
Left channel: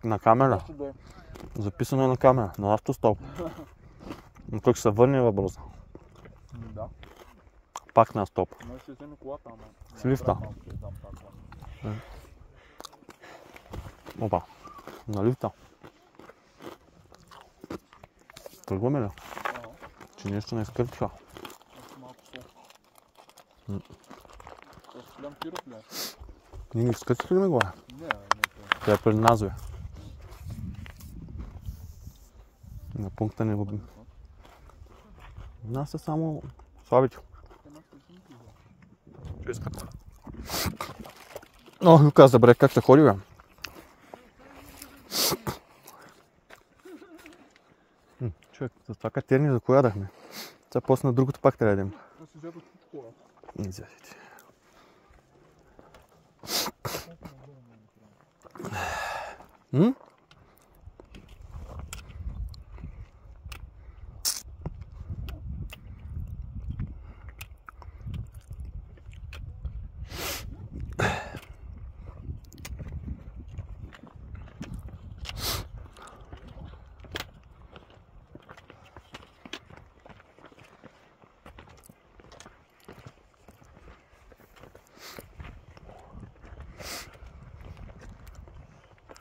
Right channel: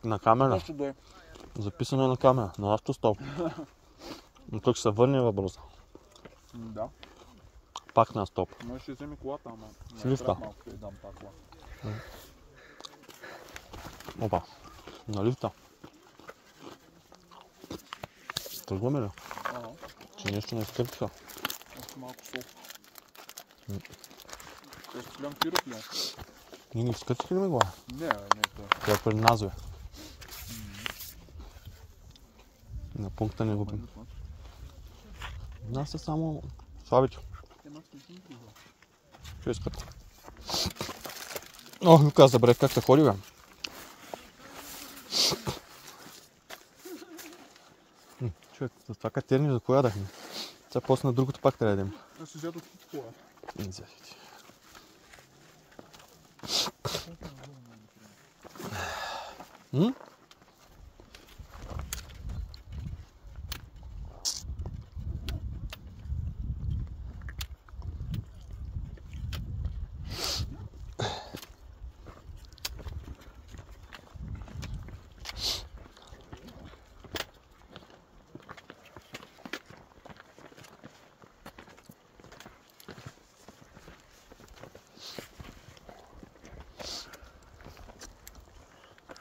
На камера. Нещо да е. Записано е на камера. На автостоп. Но как ще се върне в бърза? Да. Пак на стоп. Може ще вземе колата, ама. С лифта. Малко да дам тази кола. Опа. На лифта. Тръгваме ли? Че нещо не изкърпиха. Още малко сол. Голям пирот ли? Ние не скъцали ли го? Не, не това. Това е пред нас, бе. На пункта не го бим. Нас са само слабите. Че искат? О, Люка, забравих как се ходи, бе. Човек, за това катерни, за кое ядахме? Сега после на другото пак трябва да ядем. Да си взето всичко това. Не взядете.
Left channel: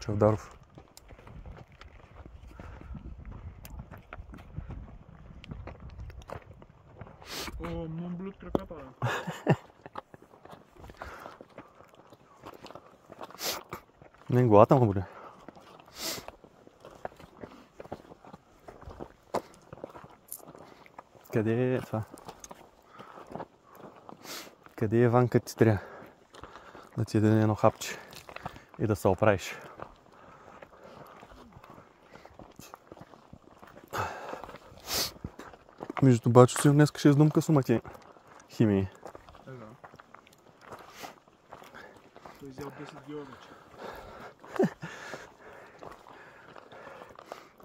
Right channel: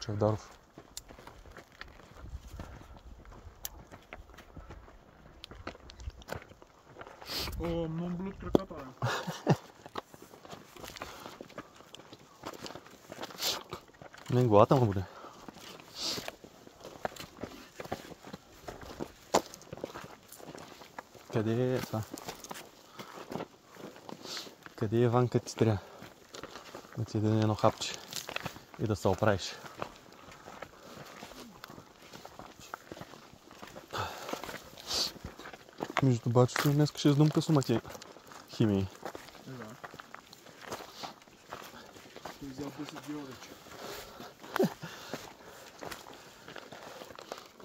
Чавдаров. О, много блюд краката, бе. Не, главата му буде. Къде е това? Къде е Ванка ти трябва? Да ти даде едно хапче и да се оправиш. Между бачо си днес ще издумка сумати химии. Ега. Той взял 10 дива вече.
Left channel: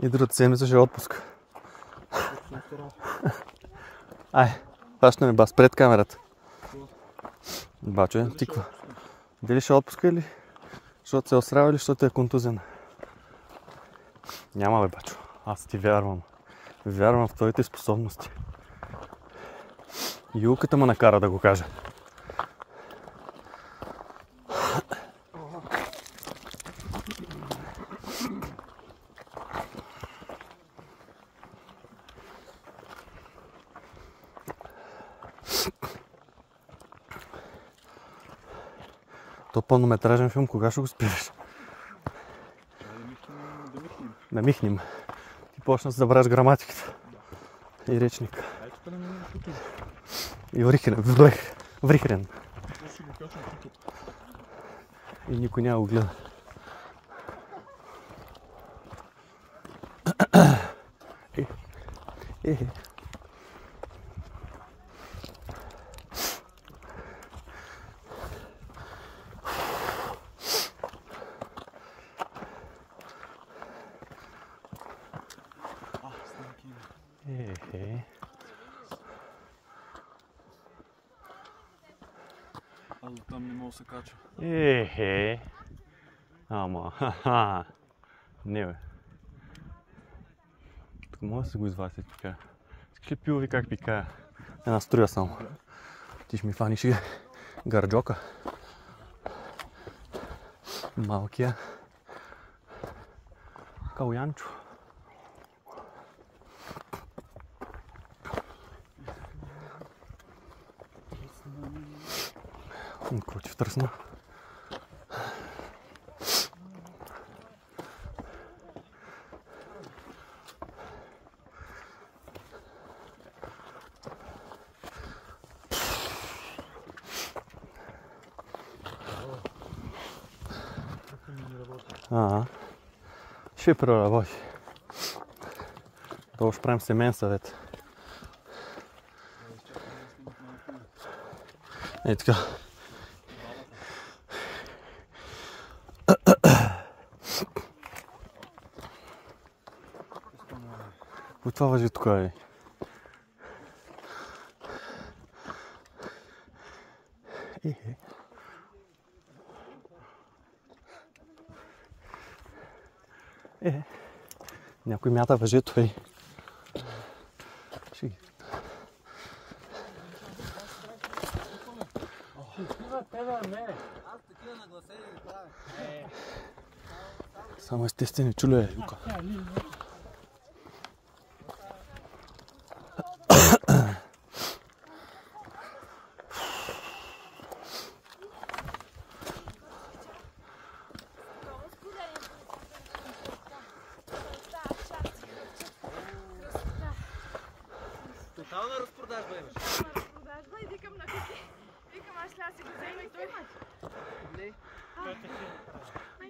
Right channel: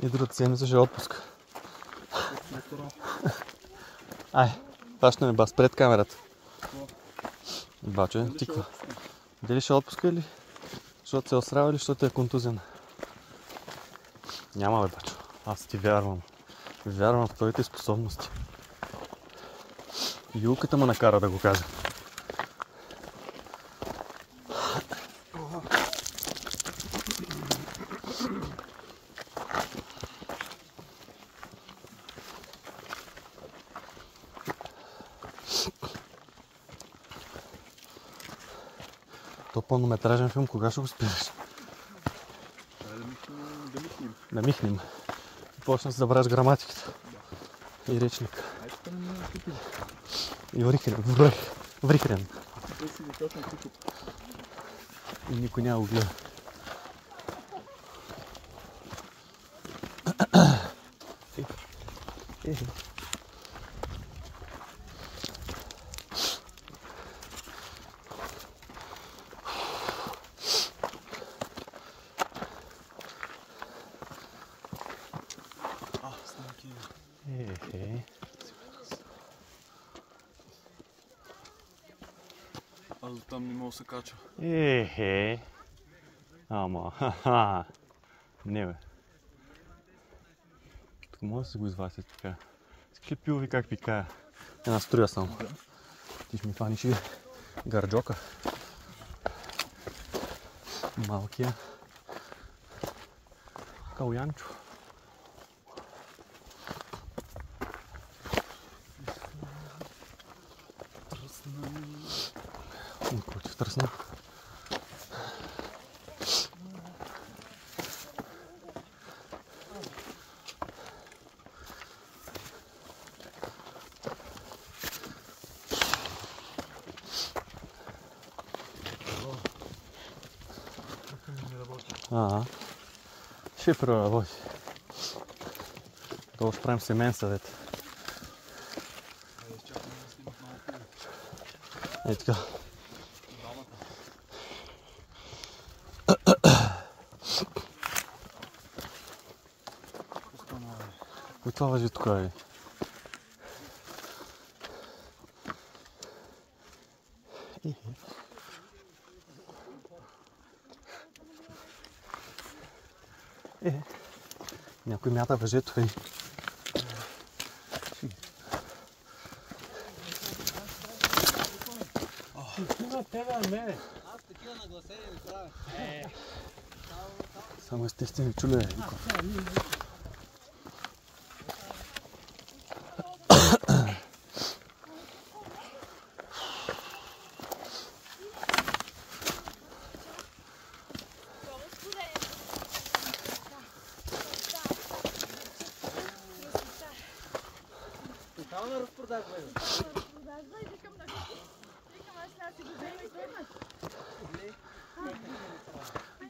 И другата седмица ще е отпуск. Ай, пащане бас пред камерата. Бачо е тиква. Дали ще отпуска или защото се острава или защото е контузен? Няма бе, бачо. Аз ти вярвам. Вярвам в твоите способности. Юлката ме накара да го кажа. То пълнометражен филм, кога ще го спираш? Да михнем. И почна да забравяш граматиката. И речника. И врихрен. И никой няма го гледа. Аз до там не мога да се кача. Ама, ха-ха. Не бе. Тук може да се го извадите така. Искаш ли пиво ви как пикая? Една струя само. Ти ще ми фаниш и гарджока. Малкия. Калянчо. Никой ти втръсна. Ще проработи. Това ще правим семейен съвет. Ей така. От това въжи тук, бе. Някой мята въжето, бе. Само естествени чуле.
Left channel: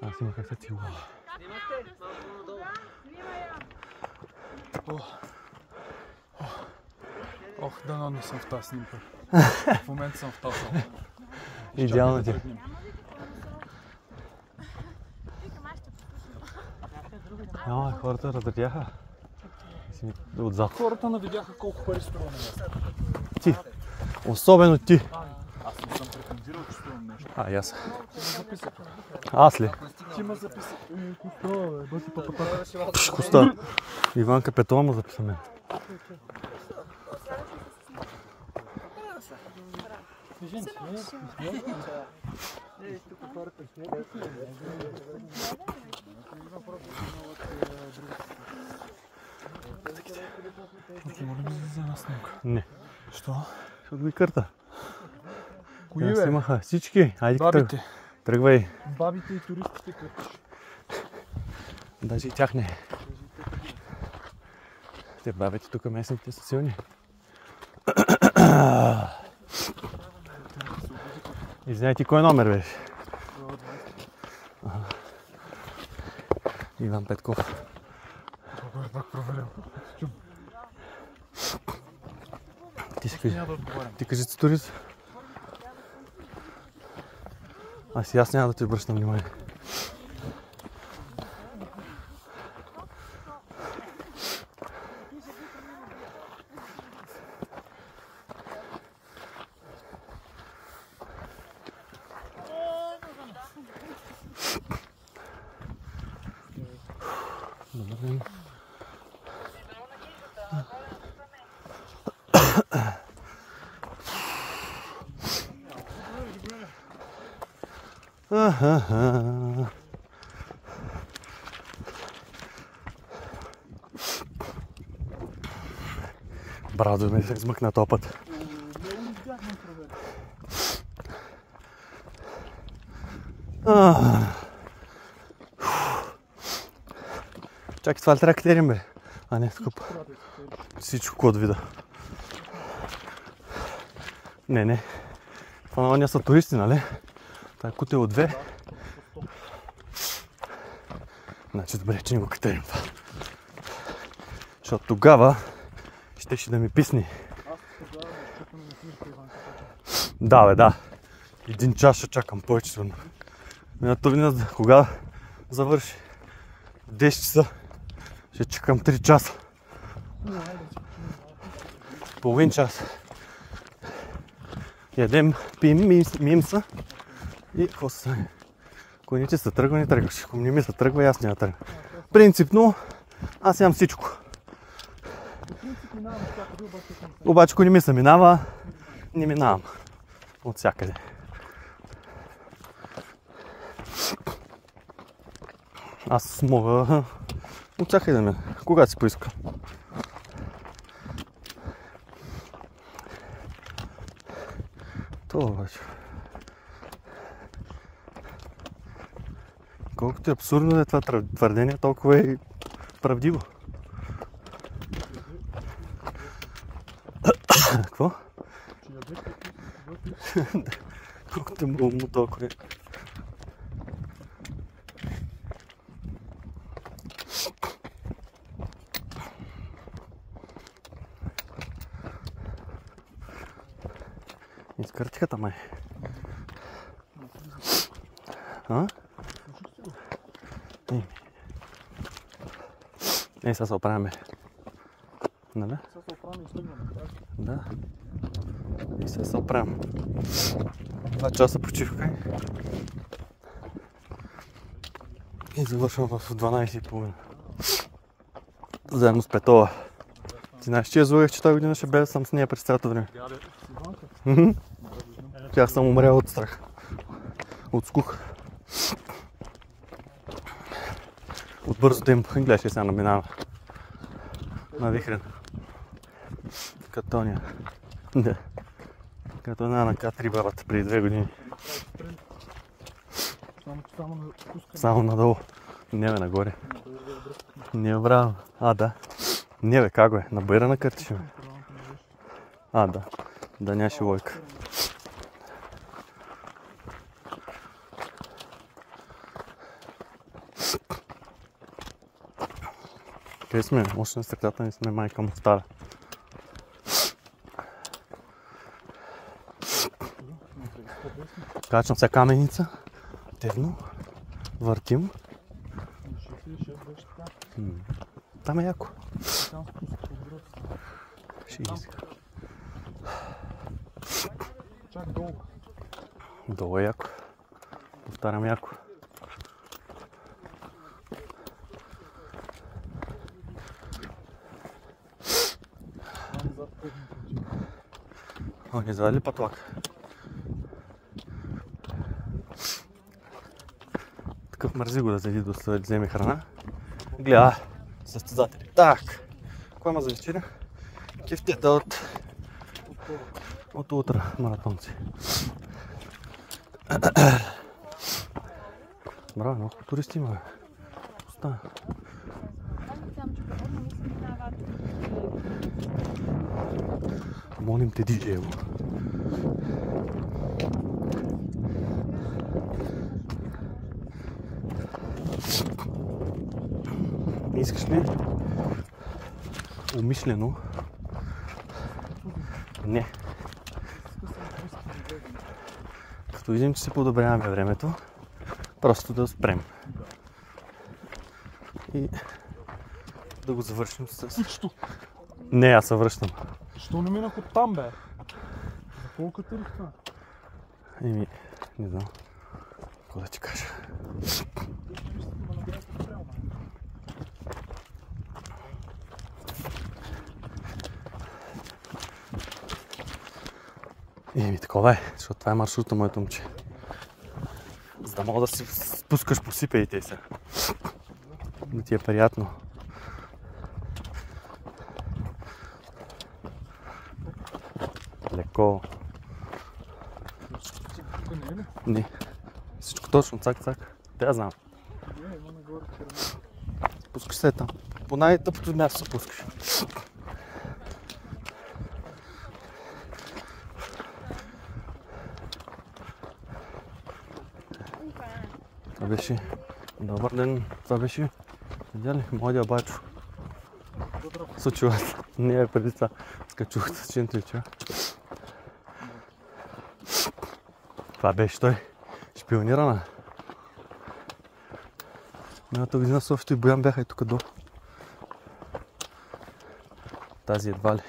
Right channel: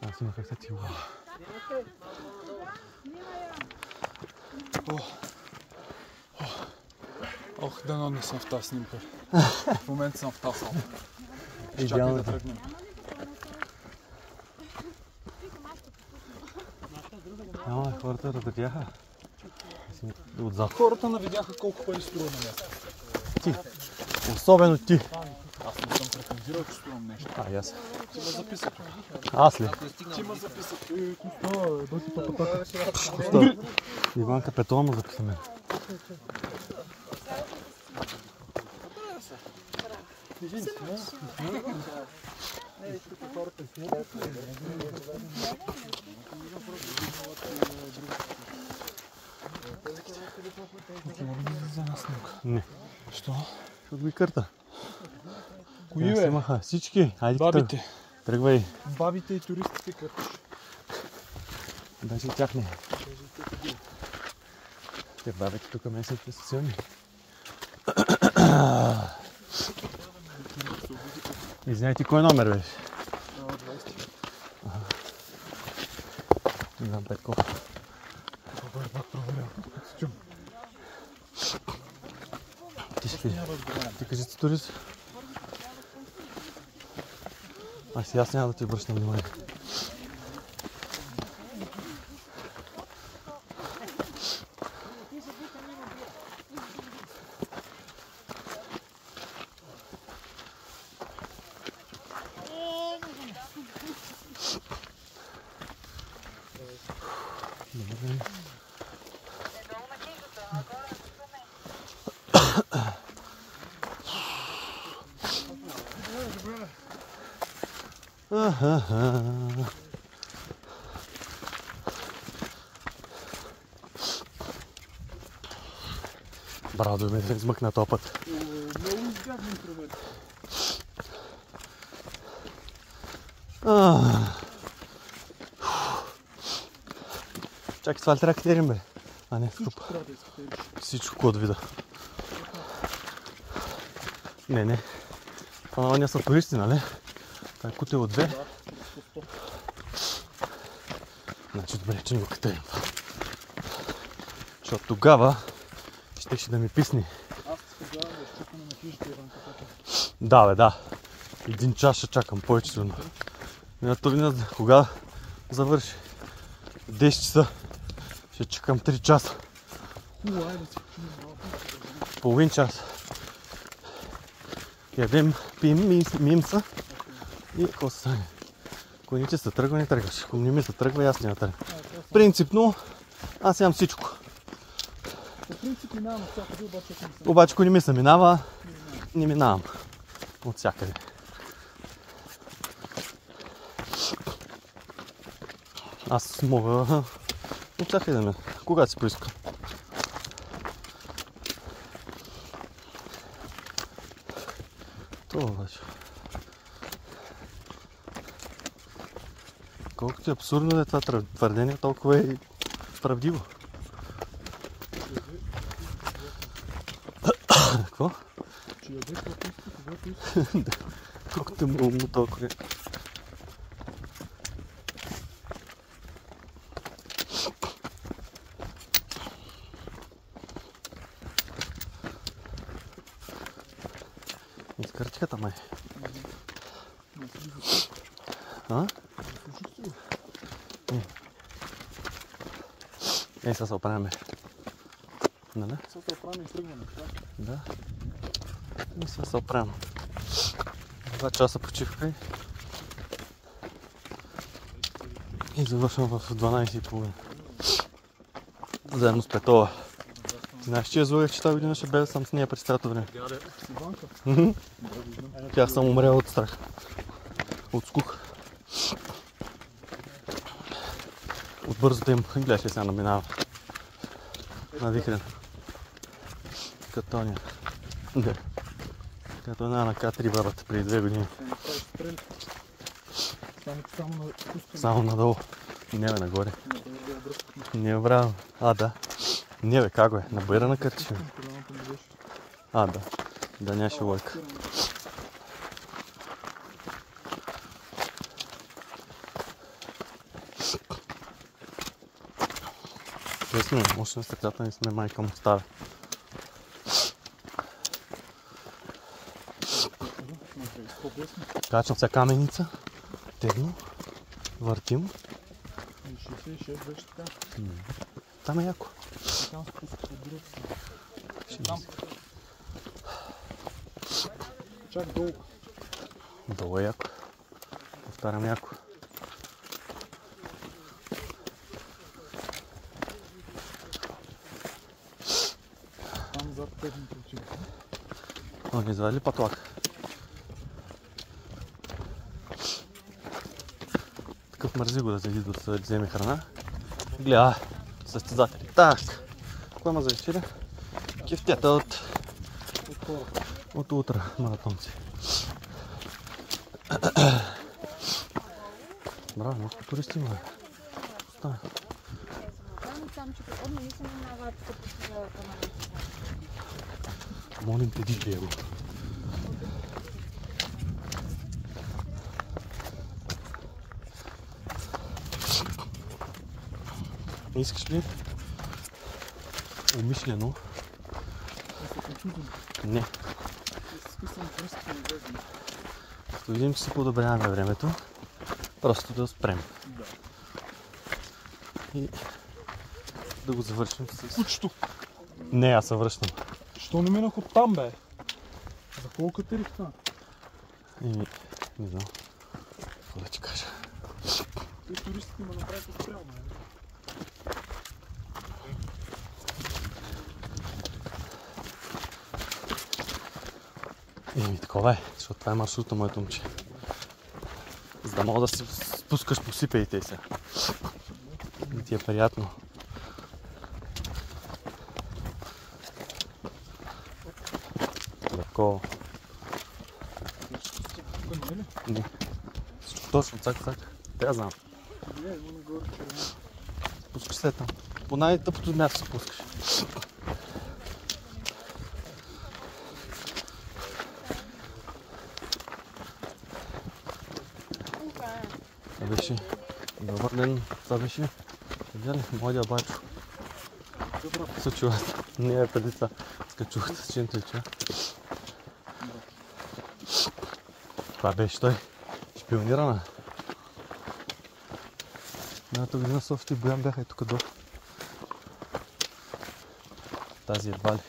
Аз имах се ти. Ох, дано не съм в тази снимка. В момента съм в тази салка. Идеално ти. Няма, хората разредяха. Отзад. Хората не видяха колко пари струва на месец. Ти. Особено ти. Аз не съм претензирал, че струвам нещо. А, и аз. Ти ме записах. Аз ли? Ти ме записах. Коста. Иванка Петрова му записаме. Не. Що? Защото ги кърта. Кои бе? Снимаха всички. Айде Бабите. тръгвай. Бабите и туристите къртиш. Даже и тях не. Те бабите тук местните са силни. Извиняй, ти кой номер беше? Иван Петков. Ти ще кажи. Ти кажи си турист. Аз няма да ти обръщам внимание. Брадо ми се измъкна този път. Чакай, това ли трябва да катерим, бе? А не, тук. Всичко от вида. Не. Това не са туристи, нали? Това е кутел от 2. Значи добре, че не го катерим това. Защото тогава щеше да ми писни. Аз ти предлагам да изчакаме на книжка Иванка Петрова. Да, бе, да. 1 час ще чакам повече сигурно. Миналата година, кога завърши? 10 часа. Ще чакам 3 часа. Половин час. Ядем, пием мимса и какво се стане? Ако не ти се тръгва, не тръгваш. Ако не ми се тръгва, аз няма тръгва. Принципно, аз ям всичко. По принцип минавам от всякъде, обаче съм се. Обаче, ако не ми се минава, не минавам. От всякъде. Аз мога от всякъде да мина. Когато си поиска. Това обаче. Колкото е абсурдно да е това твърдение, толкова е правдиво. Какво? Че ядеш каквото когато искаш. Колкото е умно, толкова е. Изкърчихата май. А? Сега се оправяме. Нали? Сега се оправяме и стъгваме. Да. И сега се оправям. 2 часа почивка и завършвам в 12:30. Заедно с Петова. Ти знаеш, че я злоех, че тази година ще бе съм с нея през цялото време. С Иванка? Тя съм умрял от страх. От скука. От бързото им, гледаш ли сега наминава. Навихрен. Като Тоня. Да. Като една на К3 бабата преди 2 години. Само надолу. Не бе, нагоре. Не бе, браво. А, да. Не бе, как бе? На байра накъртиш ме. А, да. Да нямаше лойка. Къде сме? Още на стъклята не сме, майка му става. Качвам се каменица. Тегна. Въртим. 66 беше така. Там е яко. Там спуск от друг. Там. Чак долу. Долу е яко. Повтарям яко. Там зад техните джим. О, не извади ли патлак? Такъв мързи го да седи да вземе храна. Гледа, състезатели. Так, кой има за вечеря? Кефтета от утре маратонци. Браво, много туристи има. Става. Молим те, диджеево. Искаш ли? Умишлено. Не. Като видим, че си подобряваме времето, просто да спрем. И да го завършим с... Кучето! Не, аз се връщам. Що не минах от там, бе? За колко катерих това? Еми, не знам. Какво да ти кажа? Те туристите ме направиха спрямо. Еми, такова е, защото това е маршрута, моето момче. За да мога да се спускаш по сипеите се. Да ти е приятно. Леко. Не. Всичко точно, цак-цак. Трябва да знам. Спускаш се там. По най-тъпото място се спускаш. Това беше... Добър ден. Това беше... Видя младия бачо. Се чуват. Не е преди това. Скачуват с чинтрича. Това беше той. Шпионирана. Миналата година Софито и Боян бяха и тук до. Тази едва ли.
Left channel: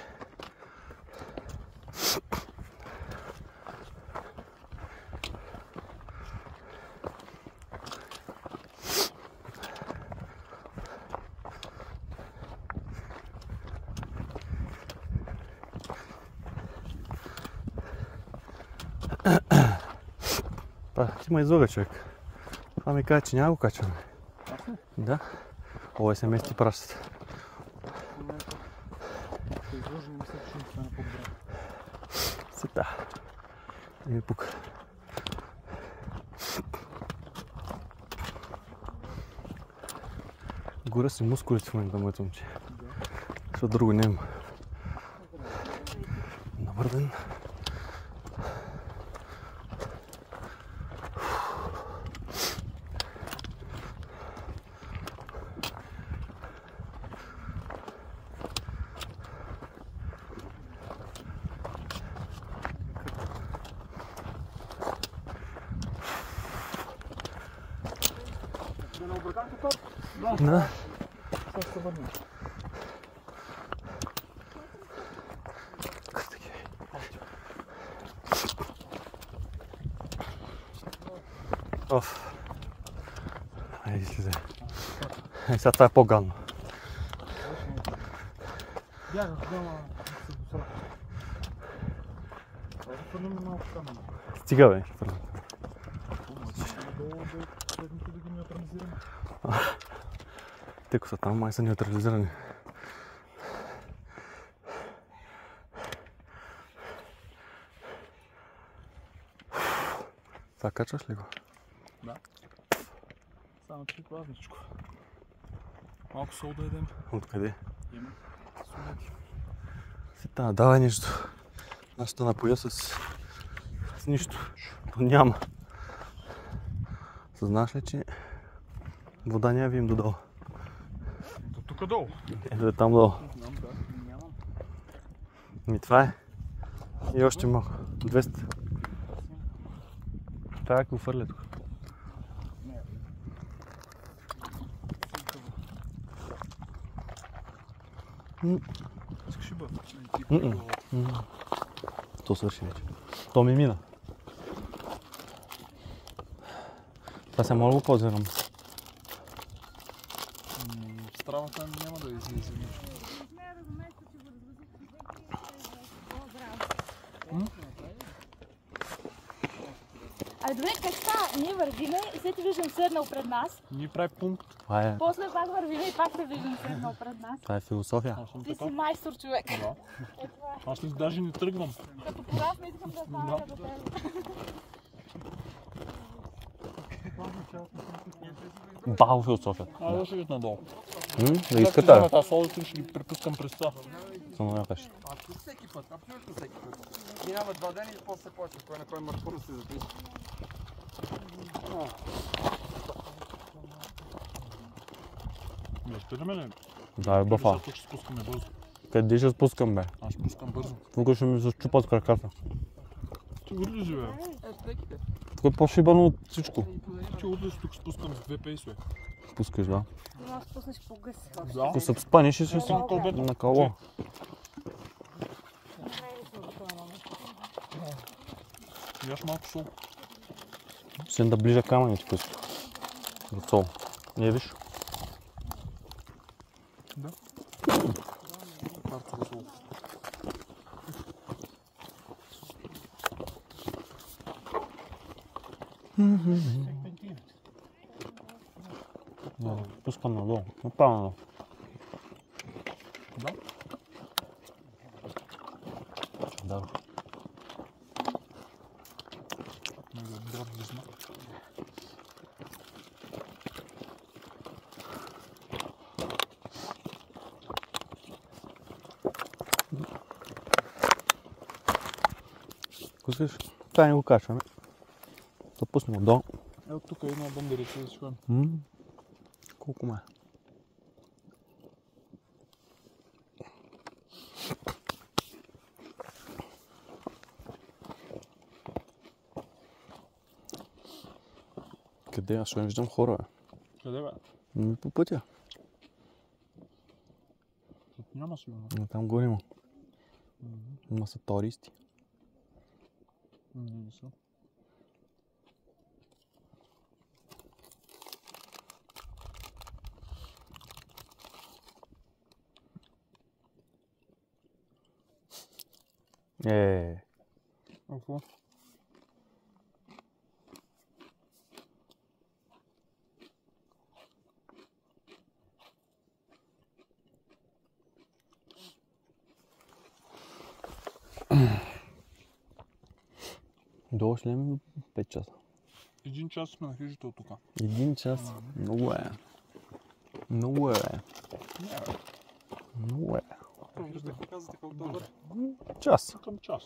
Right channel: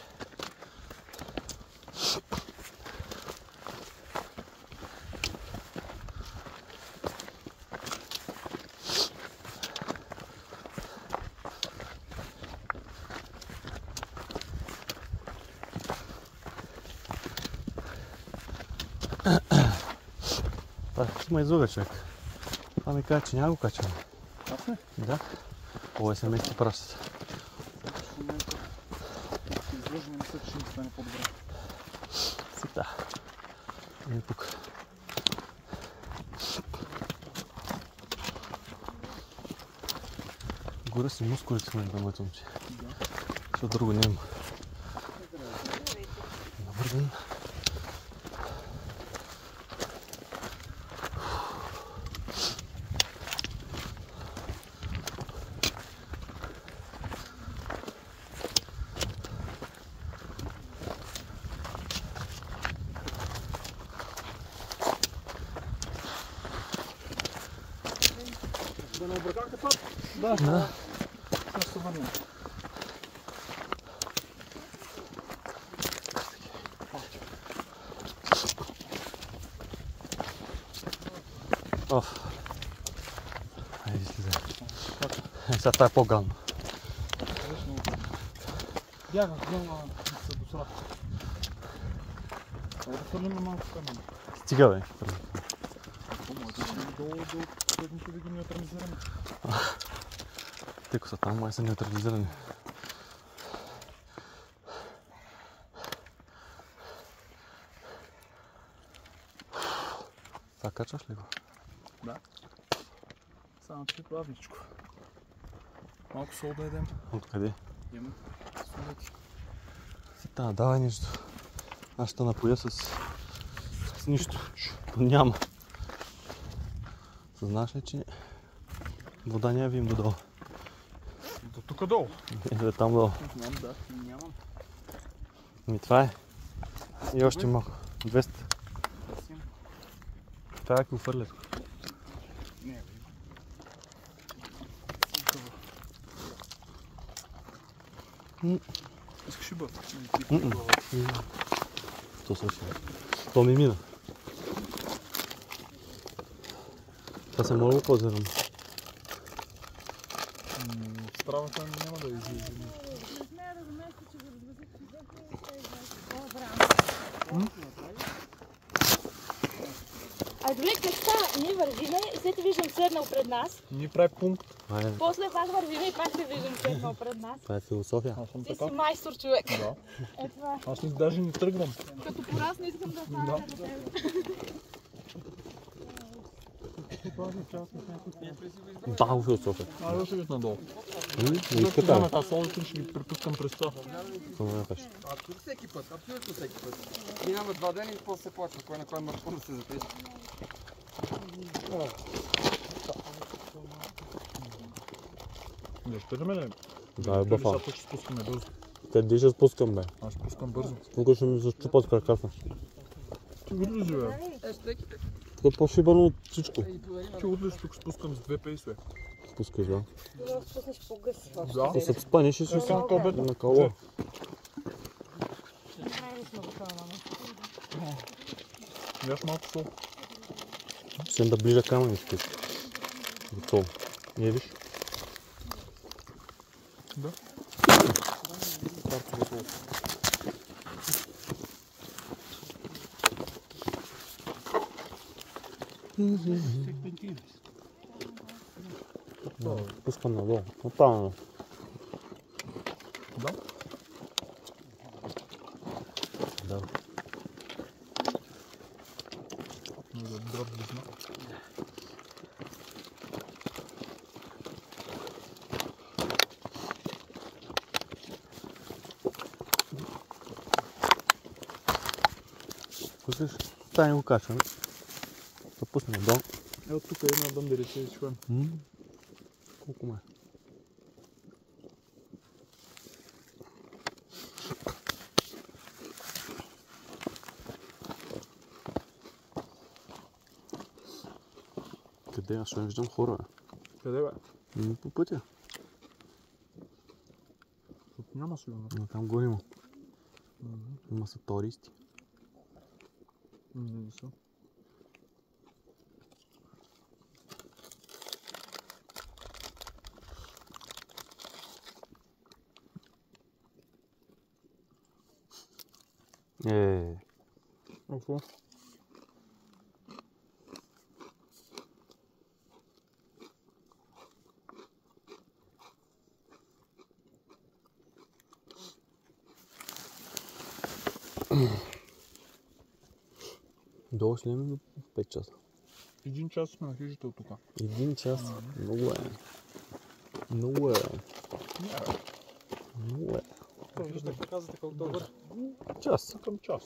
Има излога, човек. Това ми каза, че няма го качваме. Аз не? Да. Ovo SMS ти пращат. В момента се излъжа, не мисля, че ще стане по-добре. Сита. И тук. Горя си мускулите в момента, моето момче. Защото друго няма. Добър ден. Да не обръкахте това? Да. Сега ще се върнем. Оф. Айде слезе. Сега това е по-гално. Бягах, да се досрах. Това да хвърлим на малко камъни. Стига, бе. Помлади ще ми долу до предното да ги неутрализираме. Тъй са там, май са неутрализирани. Това качваш ли го? Да. Само че плавничко. Малко сол да едем. Откъде? Имаме солечко. Сита, давай нещо. Аз ще напоя с нищо. Няма. Съзнаш ли, че вода не я видим додолу? До тук долу. Ето е там долу. Знам, да. Нямам. И това е. И още малко. 200. Това е ако фърлят. Искаш ли бъл? То свърши. То ми мина. Аз съм много по-зървам. Стравата няма да излезе нещо. Не смея да го места, че го развъзих. А добре, как ста? Ние вървиме, след те виждам седнал пред нас. Ние прави пункт. После пак вървиме и пак те виждам седнал пред нас. Това е философия. Ти си майстор човек. Да. Е това. Аз даже не тръгвам. Като порасна искам да стана като теб. Бао философия. Аз да ще виж надолу. Не иска тази. Аз солото ще ги препускам през това. Само някаш. Всеки път, абсолютно всеки път. Минава 2 дена и после се плачва кой на кой маршрут се запише. Не спираме ли? Да, е бъфа. Тук ще спускаме бързо. Къде ще спускам, бе? Аз ще спускам бързо. Тук ще ми защупат краката. Ти урли живея. Стеките. Тук е по-шибано от всичко. Ти урли тук спускам с 2 пейсове. Спускаш, да. Трябва да спуснеш по гъс. Да. Да се спаниш и си Съм кобет. на кало. Яш малко сол. Ще да ближа камъничко. До сол. Не виж? Да. Пускам надолу. Направо надолу. Да. Да. Добър визна. Слушаш? Това не го качвам. Да пусна надолу. Ето тук е една бандерица да си ходим. Колко ме? Къде? Аз не виждам хора. Къде бе? По пътя. Тук няма сигурно. Там горе има. Има са туристи. Не са. Какво? Долу ще имаме 5 часа. 1 час сме на хижата от тук. 1 час? Много е. Много е. Много е. Да показвате колко дълго. Час. Към час.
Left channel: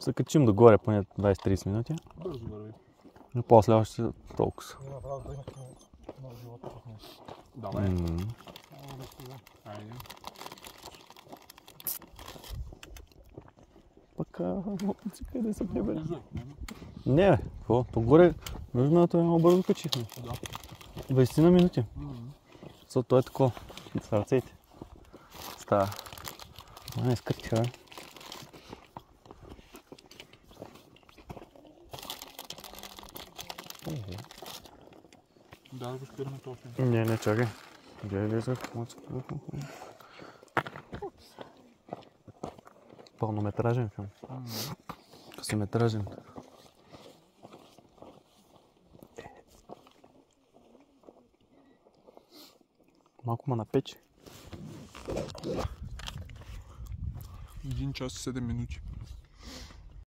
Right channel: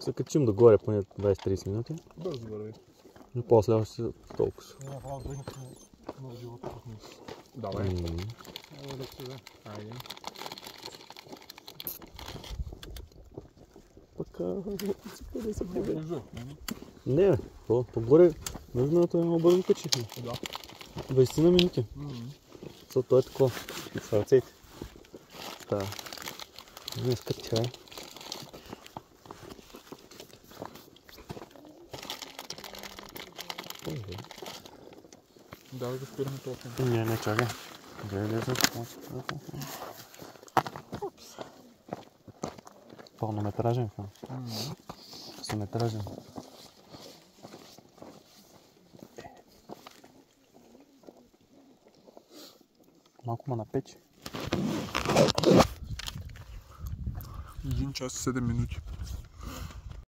Се качим догоре поне 20-30 минути. Бързо върви. И после още толкова. Да, бе. Айде. Пък къде се гнебе? Бързо. Не, какво? Погоре нужното е много бързо качихме. Да. 20 на минути. Той е такова. С ръцете. Става. Не скъртя, бе. Да, го спираме толкова. Не, чакай. Гледай. Пълнометражен филм. Късометражен. Малко ма напече. 1 час и 7 минути.